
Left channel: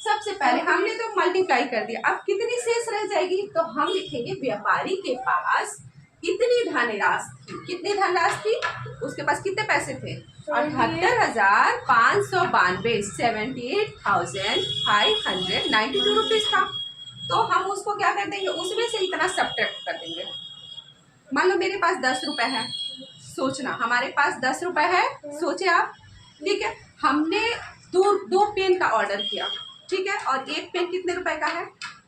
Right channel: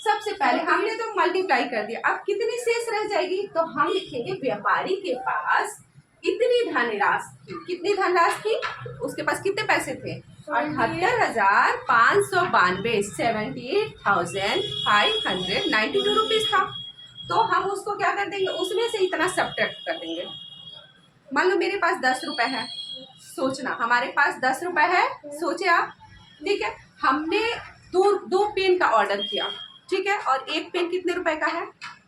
सबसे पहले हमने तो मल्टीप्लाई कर दिया, अब कितनी शेष रह जाएगी, तो हम लिखेंगे व्यापारी के पास इतनी धनराशि थी, कितनी धनराशि थी, उसके पास कितने पैसे थे, 78,592, 78,592 रुपीज था। तो हम उसको क्या कर देंगे, उसमें से इतना सब्ट्रैक्ट कर देंगे। मान लो मेरे पास 10 रुपए है, सोचना हमारे पास 10 रुपए है, सोचे आप, ठीक है, हमने दो पेन का ऑर्डर किया, ठीक है, और एक पेन कितने रुपए का है,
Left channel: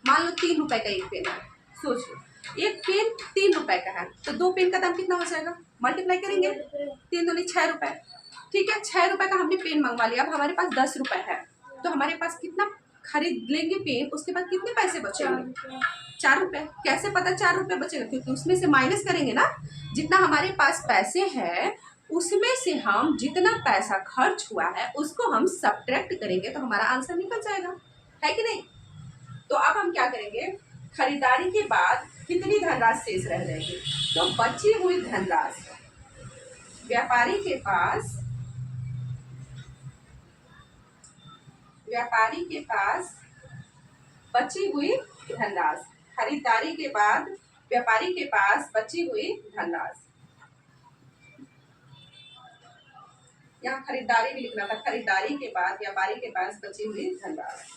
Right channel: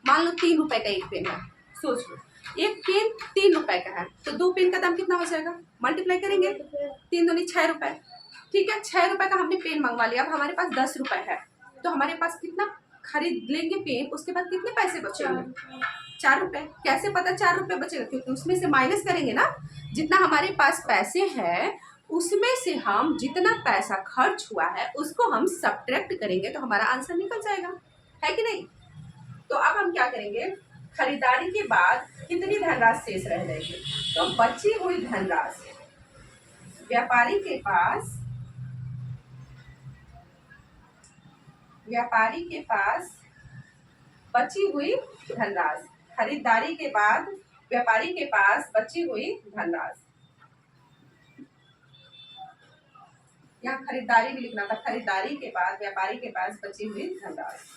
मान लो 3 रुपए का एक पेन है, सोच लो एक पेन 3 रुपए का है, तो दो पेन का दाम कितना हो जाएगा, मल्टीप्लाई करेंगे, 3 दूनी 6 रुपए, ठीक है, 6 रुपए का हमने पेन मंगवा लिया। अब हमारे पास 10 रुपए है, तो हमारे पास कितना खरीद लेंगे पेन, उसके बाद कितने पैसे बचेंगे, 4 रुपए। कैसे पता 4 रुपए बचेगा, क्योंकि उसमें से माइनस करेंगे ना, जितना हमारे पास पैसे हैं उसमें से हम जितना पैसा खर्च हुआ है उसको हम सब्ट्रैक्ट करेंगे, तो हमारा आंसर निकल जाएगा, है कि नहीं। तो अब हम क्या करेंगे, खरीदारी के बाद कितनी धनराशि शेष रह जाएगी, तो बची हुई धनराशि व्यापारी के पास बची हुई धनराशि, खरीदारी के बाद व्यापारी के पास बची हुई धनराशि, यहाँ खरीदारी भी लिखना था, खरीदारी के बाद व्यापारी के पास बची हुई धनराशि।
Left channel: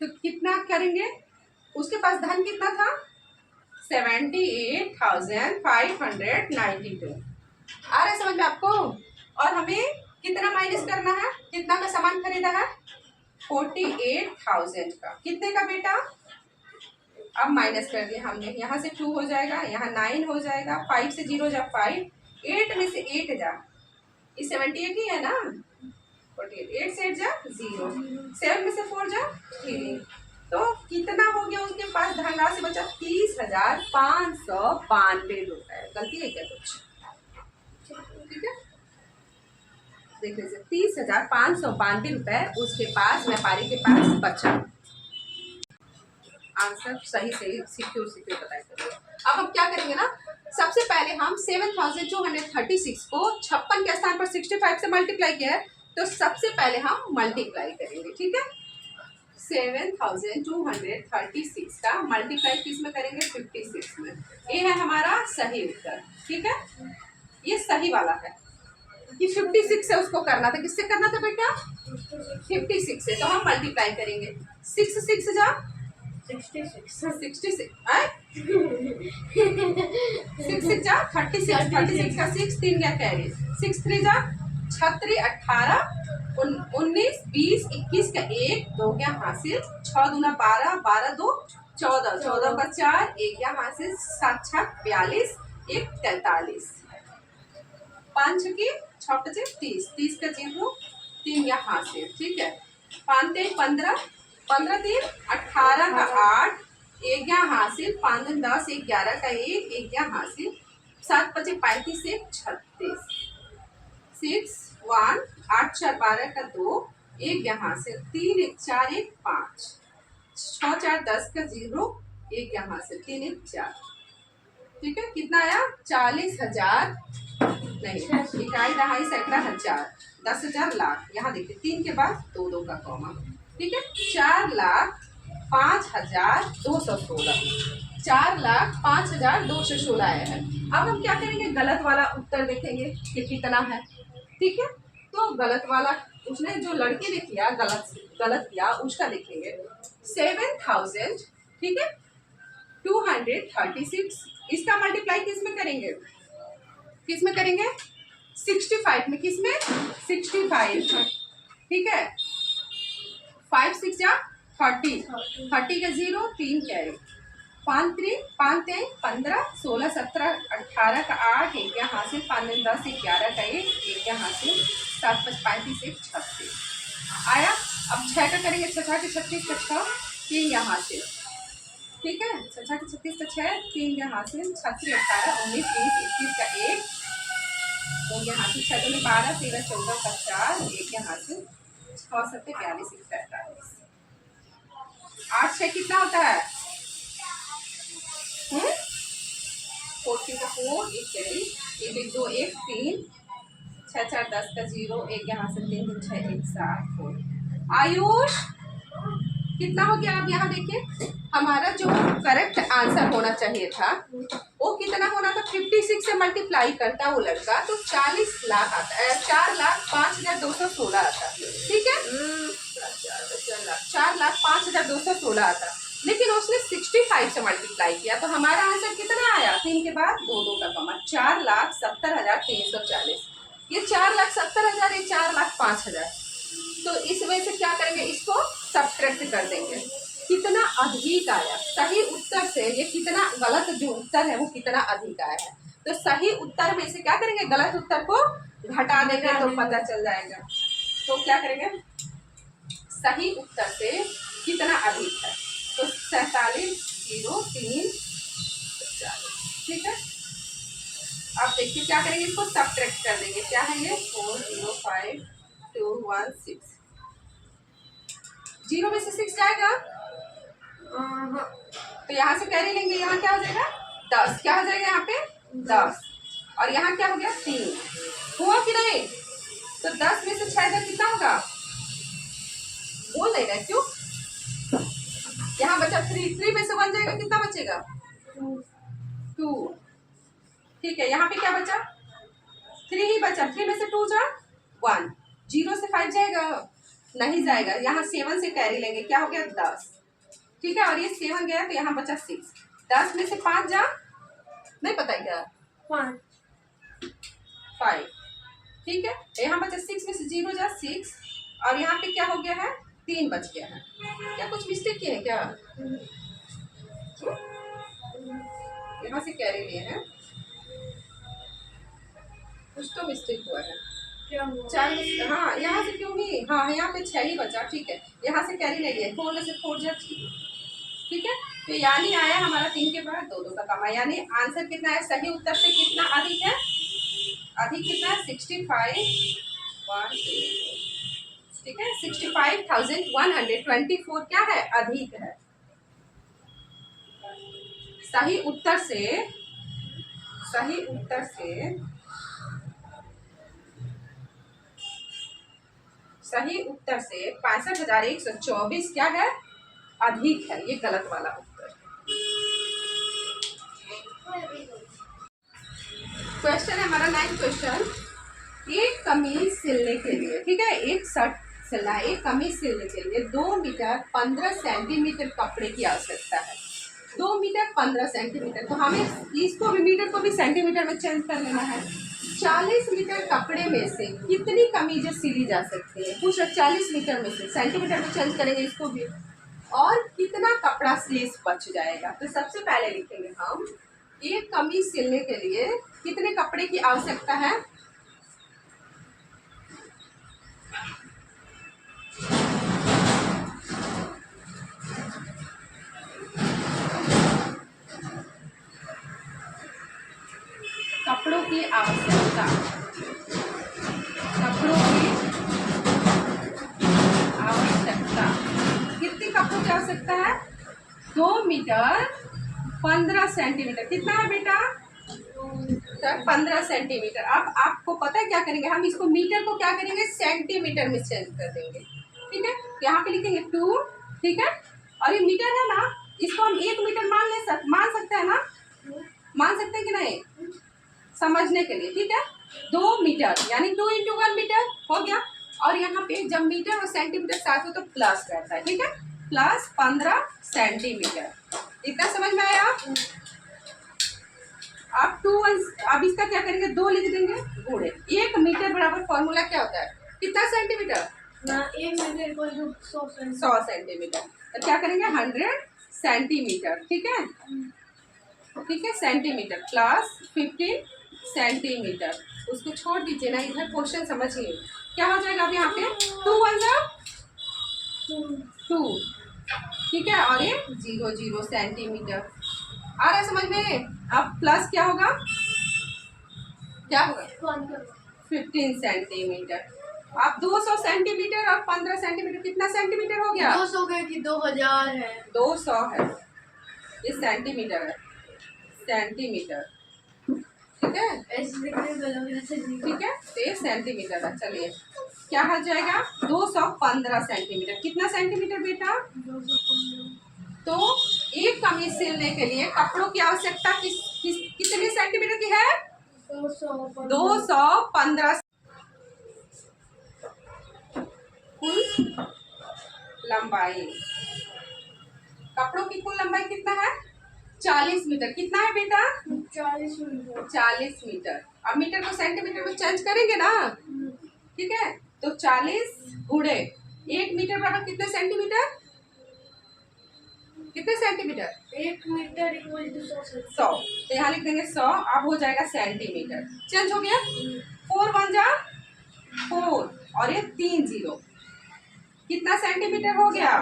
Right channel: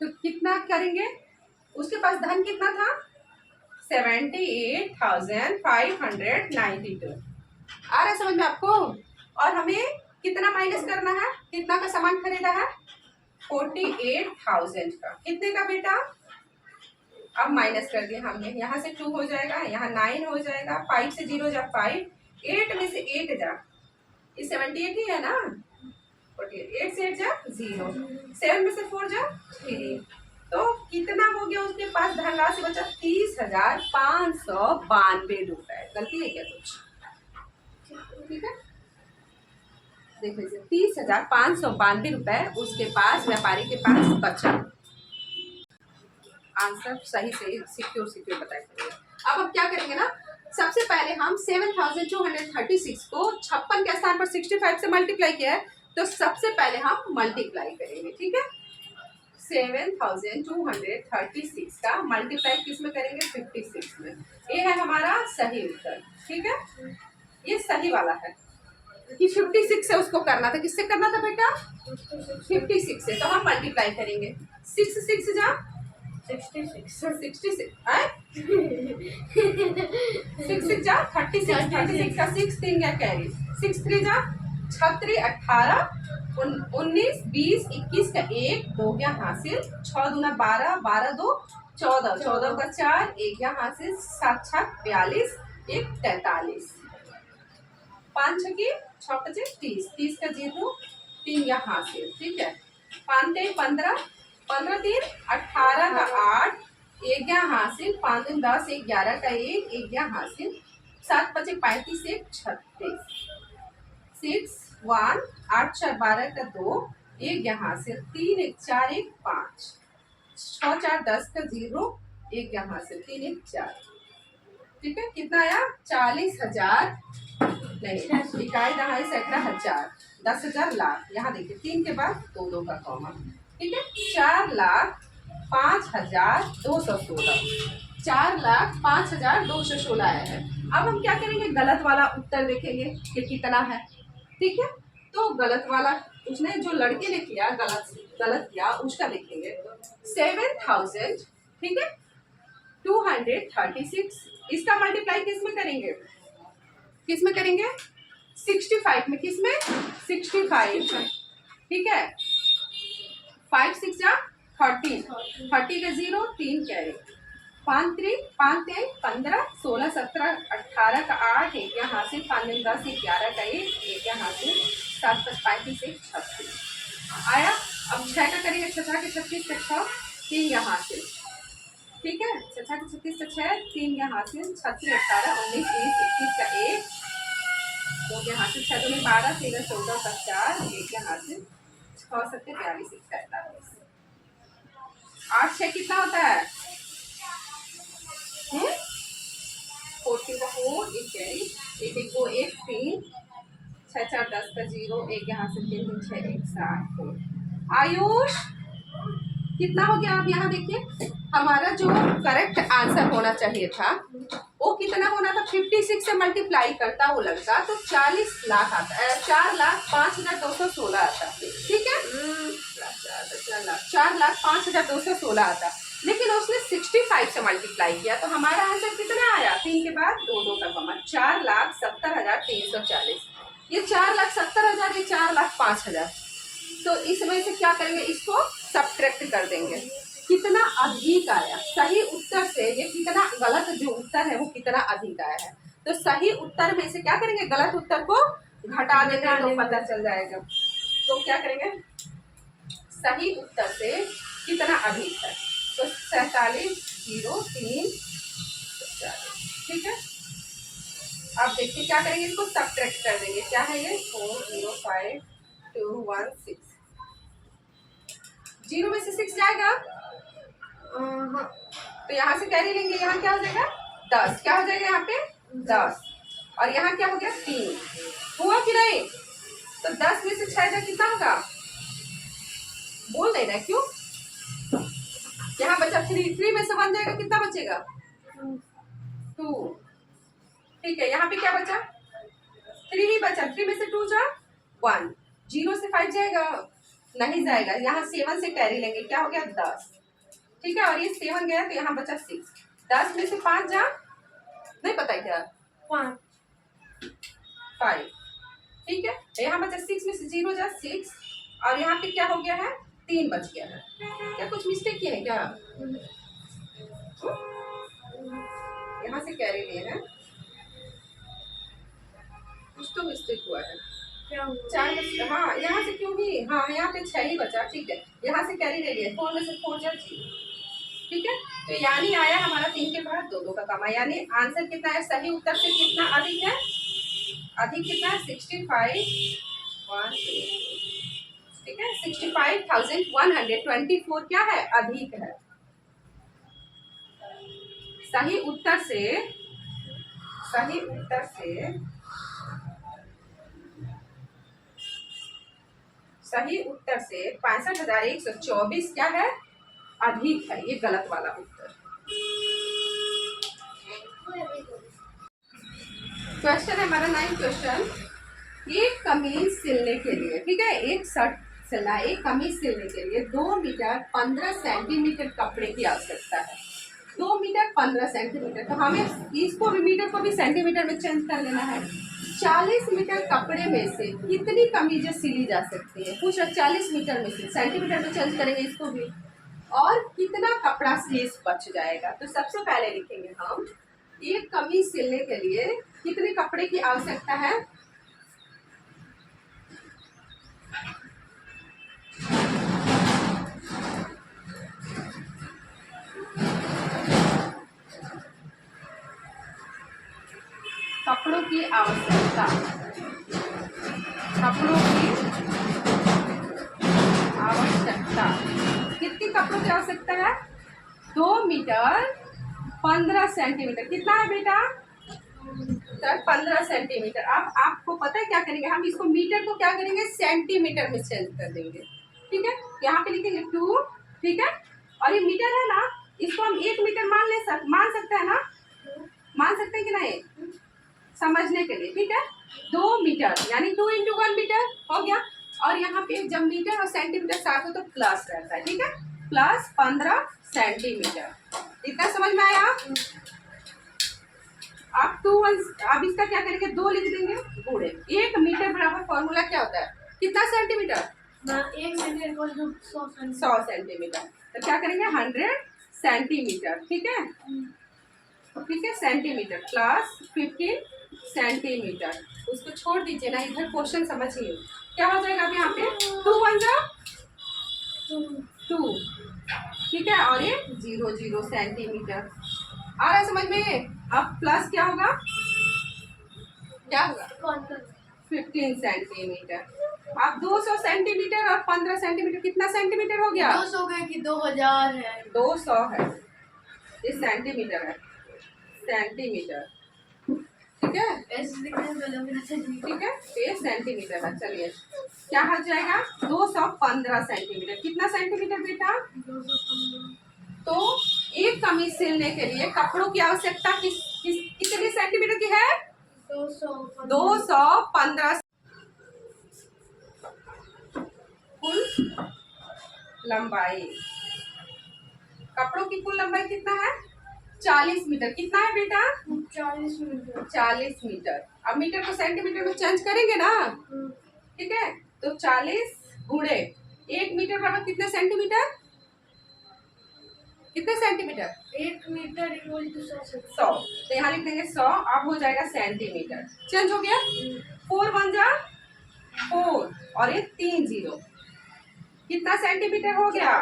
तो कितना करेंगे, उसके पास धन कितना था, 78,592। आ रहा है समझ में आपको। और हमें कितना माइनस करना है, कितना का सामान खरीदा है, 48,000 का, कितने का बेटा, अब माइनस कर दिया हमने, यहाँ से 2 हो जाएगा, यहाँ 9 हो जाएगा, 5 से 0 जा 5, 8 में से 8 जा, ये 78 ही है ना, 8 से 8 जा 0, 7 में से 4 जा 3, तो कितना हो गया उसके पास धनराशि बचा, 30,592 रुपए। गलती है क्या कुछ, ठीक है, देख लीजिए 30,592 रुपए उसके पास व्यापारी के पास बचा। आंसर सही सिक्योर बताएंगे। अब हम क्या करेंगे ना, सबसे पहले हम 7,236 को 56 के स्थान पर 65 से मल्टीप्लाई किया है, तो सबसे पहले हम मल्टीप्लाई करेंगे, ठीक है, 7,236 का मल्टीप्लाई किस में करेंगे, 56 में। ये है हमारा सही उत्तर, ठीक है, ये सही वाला है कि 56 से उसको करना था, किससे करना था बेटा, 56 से, तो हम मल्टीप्लाई करेंगे, 6 6 जा 66 जा 36, 36 का 6 3 क्या कैरी, 6 3 जा 36, 18, 19, 20, 21 का 1 2 क्या हासिल, 6 दूना 12, 12 2 14, 14 का 4 1 क्या हासिल, 7 6 42, 1 43, 5 6 की 6 5 30, 30 का 0 3 या हासिल, ठीक है, 5 3 15, 15 3 18 का 8 1 या हासिल, 5 2 10 1 11 का 1 1 या हासिल, 7 5 35 1 36, 6 1 8 4 12 का 2 1 यहाँ से 3 1 4 1 5 6 4 10 का 0 1 यहाँ से 3 1 4, ठीक है, कितना आया 40,000 नहीं, इकाई दहाई सैकड़ा हजार, 10,000 लाख। यहाँ देखिए 3 के बाद 2 का कॉमा, ठीक है। 4,05,216, 4,05,216 आया है। अब हम क्या करेंगे, गलत वाला उत्तर देखेंगे कि कितना है, ठीक है। तो गलत वाला, उसने जो लड़के ने किया गलत किया उसका देखेंगे। 7,000, ठीक है, 236, इसका मल्टीप्लाई किस में करेंगे, 65 में, किस में 65, ठीक है। 5 6 जा 30, 30 का 0, 3 कैरी, 5 3 15, 16 17 18 का 8, एक यहाँ से 5 10 11 का 1 यहाँ से 7 5 35 1 36 आया। अब 6 का करेंगे, 6 के 36 का 6, 3 यहाँ से, ठीक है, 6 के 36 का 6, 3 यहाँ से, 36 18 19 20 21 का 1, तो यहाँ से 6 दूनी 12 13 14 का 4, 1 यहाँ से 6 7 42 1 43, 8 6 कितना होता है, 14 का 4, 1 कैरी, 1 1 2 1 3, 6 4 10 का 0, 1 यहाँ से 3 3 6 1 7 4। आयुष कितना हो गया, आप यहाँ देखिए हमारा जो करेक्ट आंसर होना चाहिए था वो कितना होना था, 56 से मल्टीप्लाई करता वो लड़का तो 40 लाख आता है, 4,05,216 आता, ठीक है, 4,05,216 आता। लेकिन उसने 65 से मल्टीप्लाई किया तो हमारा आंसर कितना आया, 3 के बाद 2 का कमा, 4,70,340। ये 4,70,000, ये 4,05,000, तो इस वजह से क्या करेंगे, इसको सब्ट्रैक्ट कर देंगे, कितना अधिक आया। सही उत्तर से ये कितना, गलत जो उत्तर है वो कितना अधिक आया है, तो सही उत्तर में से क्या करेंगे, गलत उत्तर को घटा देंगे तो पता चल जाएगा। तो क्या करेंगे, सही उत्तर से कितना अधिक है, तो 47,0,340, ठीक है। अब देखिए क्या करेंगे, इसको सब्ट्रैक्ट कर देंगे, क्या है ये 4,05,216, 0 में से 6 जाएगा, तो यहाँ से कैरी लेंगे, यहाँ क्या हो जाएगा 10, क्या हो जाएगा यहाँ पे 10, और यहाँ क्या हो गया 3, हुआ कि नहीं, तो 10 में से 6 जा कितना होगा, बोल नहीं रहा क्यों, यहाँ बचा 3 में से 1 जाएगा, कितना बचेगा 2, ठीक है। यहाँ पे क्या बचा 3 ही बचा, 3 में से 2 जा 1, 0 से 5 जाएगा नहीं जाएगा, यहाँ 7 से कैरी लेंगे, क्या हो गया 10, ठीक है, और ये 7 गया तो यहाँ बचा 6, 10 में से 5 जा, नहीं पता है क्या 5, ठीक है, यहाँ बचा 6 में से 0 जा 6, और यहाँ पे क्या हो गया है 3 बच गया है, क्या कुछ मिस्टेक किए हैं क्या, यहाँ से कैरी लिए हैं, कुछ तो मिस्टेक हुआ है, 4 में, हाँ यहाँ से क्यों ही, हाँ यहाँ पे 6 ही बचा, ठीक है, यहाँ से कैरी ले लिए, 4 में से 4 जा 0, ठीक है। तो यानी आया हमारा 3 के बाद 2 का कमा, यानी आंसर कितना है, सही उत्तर से कितना अधिक है, अधिक कितना है 65,124, ठीक है, 65,124 क्या है, अधिक है। सही उत्तर से 65,124 क्या है, अधिक है, ये गलत वाला उत्तर। क्वेश्चन है हमारा 9 क्वेश्चन, एक कमीज सिलने के लिए, ठीक है, एक शर्ट सिलना है, एक कमीज सिलने के लिए 2 मीटर 15 सेंटीमीटर कपड़े की आवश्यकता है, 2 मीटर 15 सेंटीमीटर, तो हमें इसको भी मीटर को भी सेंटीमीटर में चेंज कर लेना है। 40 मीटर कपड़े में से कितनी कमीजें सिली जा सकती है, पूछ 40 मीटर में से सेंटीमीटर में चेंज करेंगे इसको भी, और कितना कपड़ा स्लीव बच जाएगा। तो सबसे पहले लिखेंगे हम, एक कमीज सिलने के लिए कितने कपड़े की आवश्यकता है, कपड़ों की आवश्यकता, कितने कपड़ों की आवश्यकता है, 2 मीटर 15 सेंटीमीटर, कितना है बेटा 15 सेंटीमीटर। अब आपको पता है क्या करेंगे, हम इसको मीटर को क्या करेंगे, सेंटीमीटर में चेंज कर देंगे। ठीक है, यहाँ पे लिखेंगे 2। ठीक है, और ये मीटर है ना, इसको हम 1 मीटर मान सकते हैं ना, मान सकते हैं कि नहीं, समझने के लिए। ठीक है, 2 मीटर यानी 2 × 1 मीटर हो गया। और यहाँ पे जब मीटर और सेंटीमीटर साथ हो तो प्लस रहता है। ठीक है, प्लस 15 सेंटीमीटर। इतना समझ में आया? आप 2 अब इसका क्या करेंगे, 2 लिख देंगे गुणे 1 मीटर बराबर फॉर्मूला क्या होता है, कितना सेंटीमीटर ना 1 मीटर को 100 सेंटीमीटर। तो क्या करेंगे 100 सेंटीमीटर। ठीक है, ठीक है, सेंटीमीटर प्लस 15 सेंटीमीटर। उसको छोड़ दीजिए ना, इधर क्वेश्चन समझिए क्या हो जाएगा। अब यहाँ पे 2 1 जा 2। ठीक है, और ये 0 0 सेंटीमीटर। आ रहा है समझ में? अब प्लस क्या होगा, क्या होगा 15 सेंटीमीटर। अब 200 सेंटीमीटर और 15 सेंटीमीटर कितना सेंटीमीटर हो गया? 200 का कि 2000 है, 200 है, ये सेंटीमीटर है, सेंटीमीटर। ठीक है, ऐसे लिखने में लग रहा था। ठीक है, तो ये सेंटीमीटर है। चलिए क्या हो जाएगा, 215 सेंटीमीटर। कितना सेंटीमीटर बेटा? 215। तो एक कमीज सिलने के लिए कपड़ों की आवश्यकता कितने सेंटीमीटर की है? 215। कुल लंबाई, कपड़ों की कुल लंबाई कितना है? 40 मीटर। कितना है बेटा? 40 मीटर। 40 मीटर। अब मीटर को सेंटीमीटर में चेंज करेंगे ना। ठीक है, तो 40 गुणे 1 मीटर बराबर कितने सेंटीमीटर? कितने सेंटीमीटर? 1 metre equal to 100। तो यहाँ लिख देंगे 100। अब हो जाएगा सेंटीमीटर, चेंज हो गया। 4 1 जा 4 और ये 3 0, कितना सेंटीमीटर हो गया?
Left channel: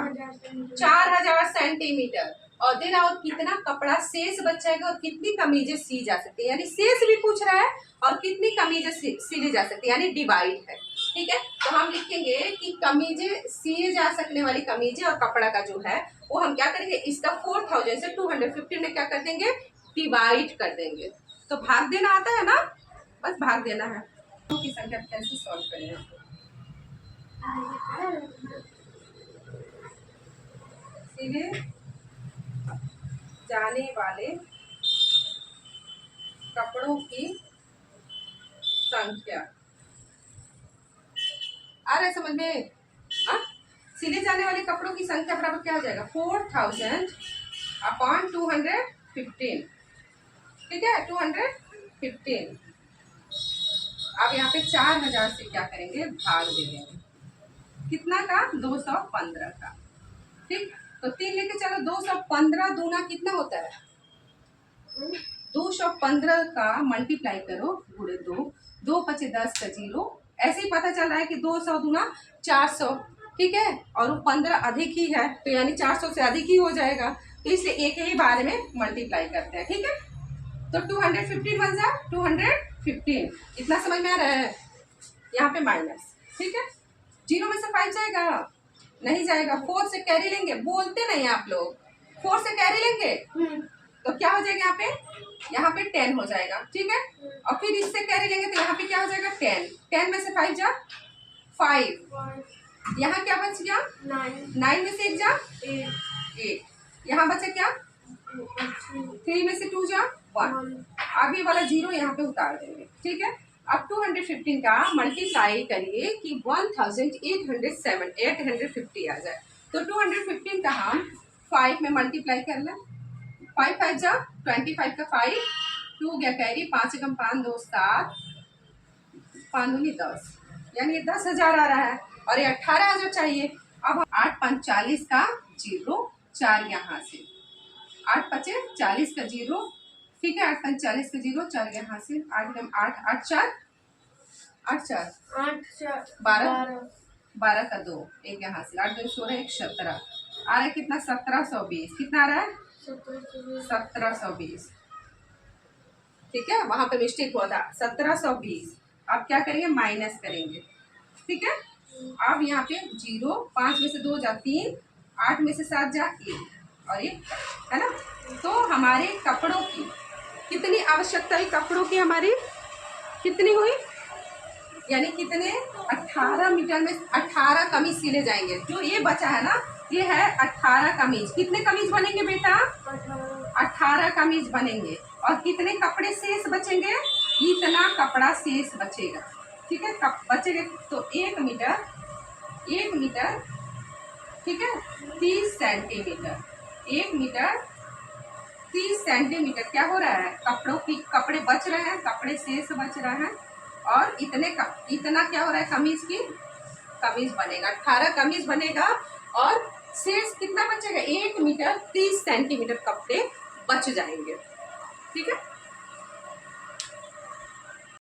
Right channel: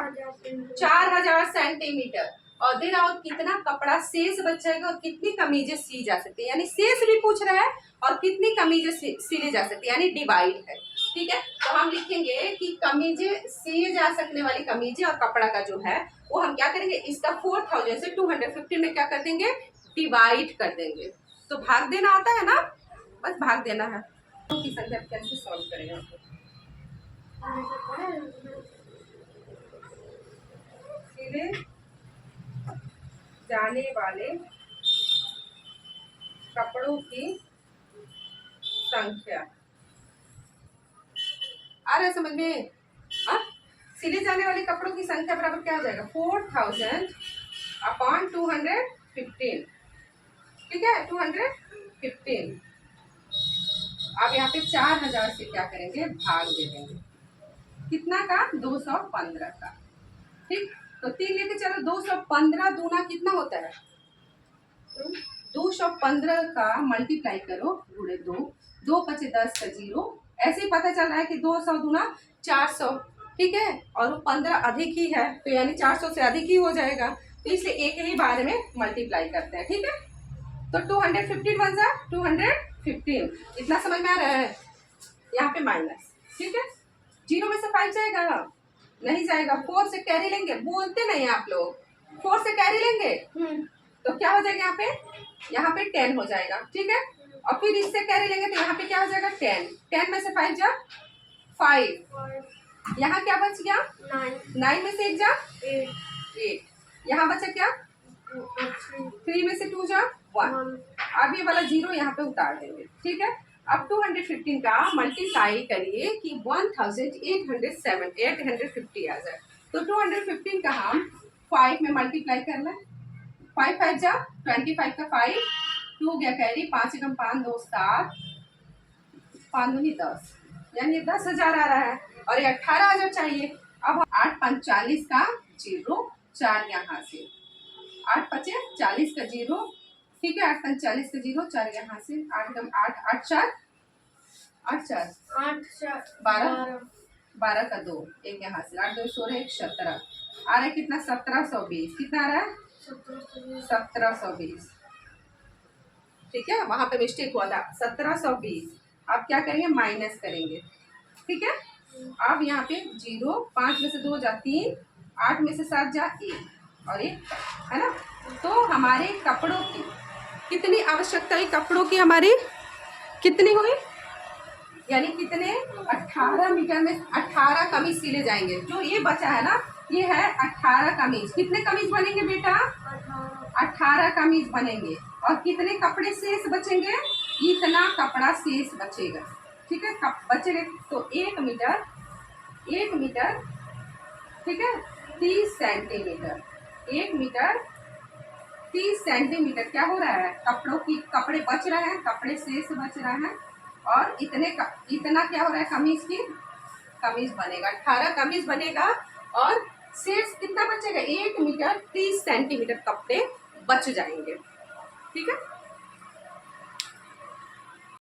4000 सेंटीमीटर। और देख रहा, और कितना कपड़ा शेष बचेगा और कितनी कमीजें सी जा सकती है, यानी शेष भी पूछ रहा है और कितनी कमीजें सिली जा सकती है, यानी डिवाइड है। ठीक है, तो हम लिखेंगे कि कमीजें सिए जा सकने वाली कमीजें और कपड़ा का जो है वो हम क्या करेंगे, इसका 4000 से 250 में क्या कर देंगे, डिवाइड कर देंगे। तो भाग देना आता है ना, बस भाग देना है। तो की संख्या कैसे सॉल्व करें आपको, सीधे जाने वाले कपड़ों की संख्या। आ रहा है समझ में? सिले जाने वाले कपड़ों की संख्या बराबर क्या हो जाएगा, 4000 अपॉन 215। ठीक है, 215। अब यहाँ पे 4000 से क्या करेंगे, भाग दे देंगे। कितना का? 215 का। ठीक, तो 3 लेके चलो। 215 दूना कितना होता है? 215 का मल्टीप्लाई करो गुणे 2, 2 5 10 का 0। ऐसे ही पता चल रहा है कि 200 दूना 400। ठीक है, और वो 15 अधिक ही है तो यानी 400 से अधिक ही हो जाएगा, तो इसलिए एक ही बार में मल्टीप्लाई करते हैं। ठीक है, तो 215 बन जा 215। इतना समझ में आ रहा है? यहाँ पे माइनस। ठीक है, 0 में से 5 जाएगा नहीं जाएगा, 4 से कैरी लेंगे। बोलते नहीं आप लोग, 4 से कैरी लेंगे तो क्या हो जाएगा, यहाँ पे 10 हो जाएगा। ठीक है, और फिर इससे कैरी लेंगे तो यहाँ पे क्या हो जाएगा, 10। 10 में से 5 जा 5। यहाँ क्या बच गया, 9 में से 1 जा 8। यहाँ बचा क्या, 3 में से 2 जा 1। अब ये वाला 0 यहाँ पे उतार देंगे। ठीक है, अब 215 का मल्टीप्लाई करिए कि 1850 आ जाए। तो 215 का हम 5 में मल्टीप्लाई कर लें। 5 5 जा 25 का 5, 2 गया कैरी, 5 एकम 5 2 7, 5 दूनी 10, यानी ये 10,000 आ रहा है और ये 18,000 चाहिए। अब 8 5 40 का 0, 4 यहाँ से 8 5 40 का 0। ठीक है, 8 5 40 का 0, 4 यहाँ से 8 एकम 8 8 4 8 4 12 12 का 2, 1 यहाँ से 8 2 16 1 17 आ रहा है। कितना, 1720। कितना आ रहा है, 1720। ठीक है, वहां पे मिस्टेक हुआ था, 1720। अब क्या करेंगे, माइनस करेंगे। ठीक है, अब यहाँ पे 0, 5 में से 2 जा 3, 8 में से 7 जा 1 और 1 है ना। तो हमारे कपड़ों की कितनी आवश्यकता है कपड़ों की हमारी, कितनी हुई, यानी कितने 18 मीटर में 18 कमीज सिले जाएंगे। जो ये बचा है ना, ये है 18 कमीज। कितने कमीज बनेंगे बेटा? 18 कमीज बनेंगे। और कितने कपड़े शेष बचेंगे? इतना कपड़ा शेष बचेगा। ठीक है, बचेगा तो 1 मीटर, 1 मीटर, ठीक है, 30 सेंटीमीटर, 1 मीटर 30 सेंटीमीटर क्या हो रहा है? कपड़े बच रहे हैं, कपड़े शेष बच रहे हैं। और इतना क्या हो रहा है? कमीज बनेगा, 18 कमीज बनेगा। और शेष कितना बचेगा? 1 मीटर 30 सेंटीमीटर कपड़े बच जाएंगे। ठीक है।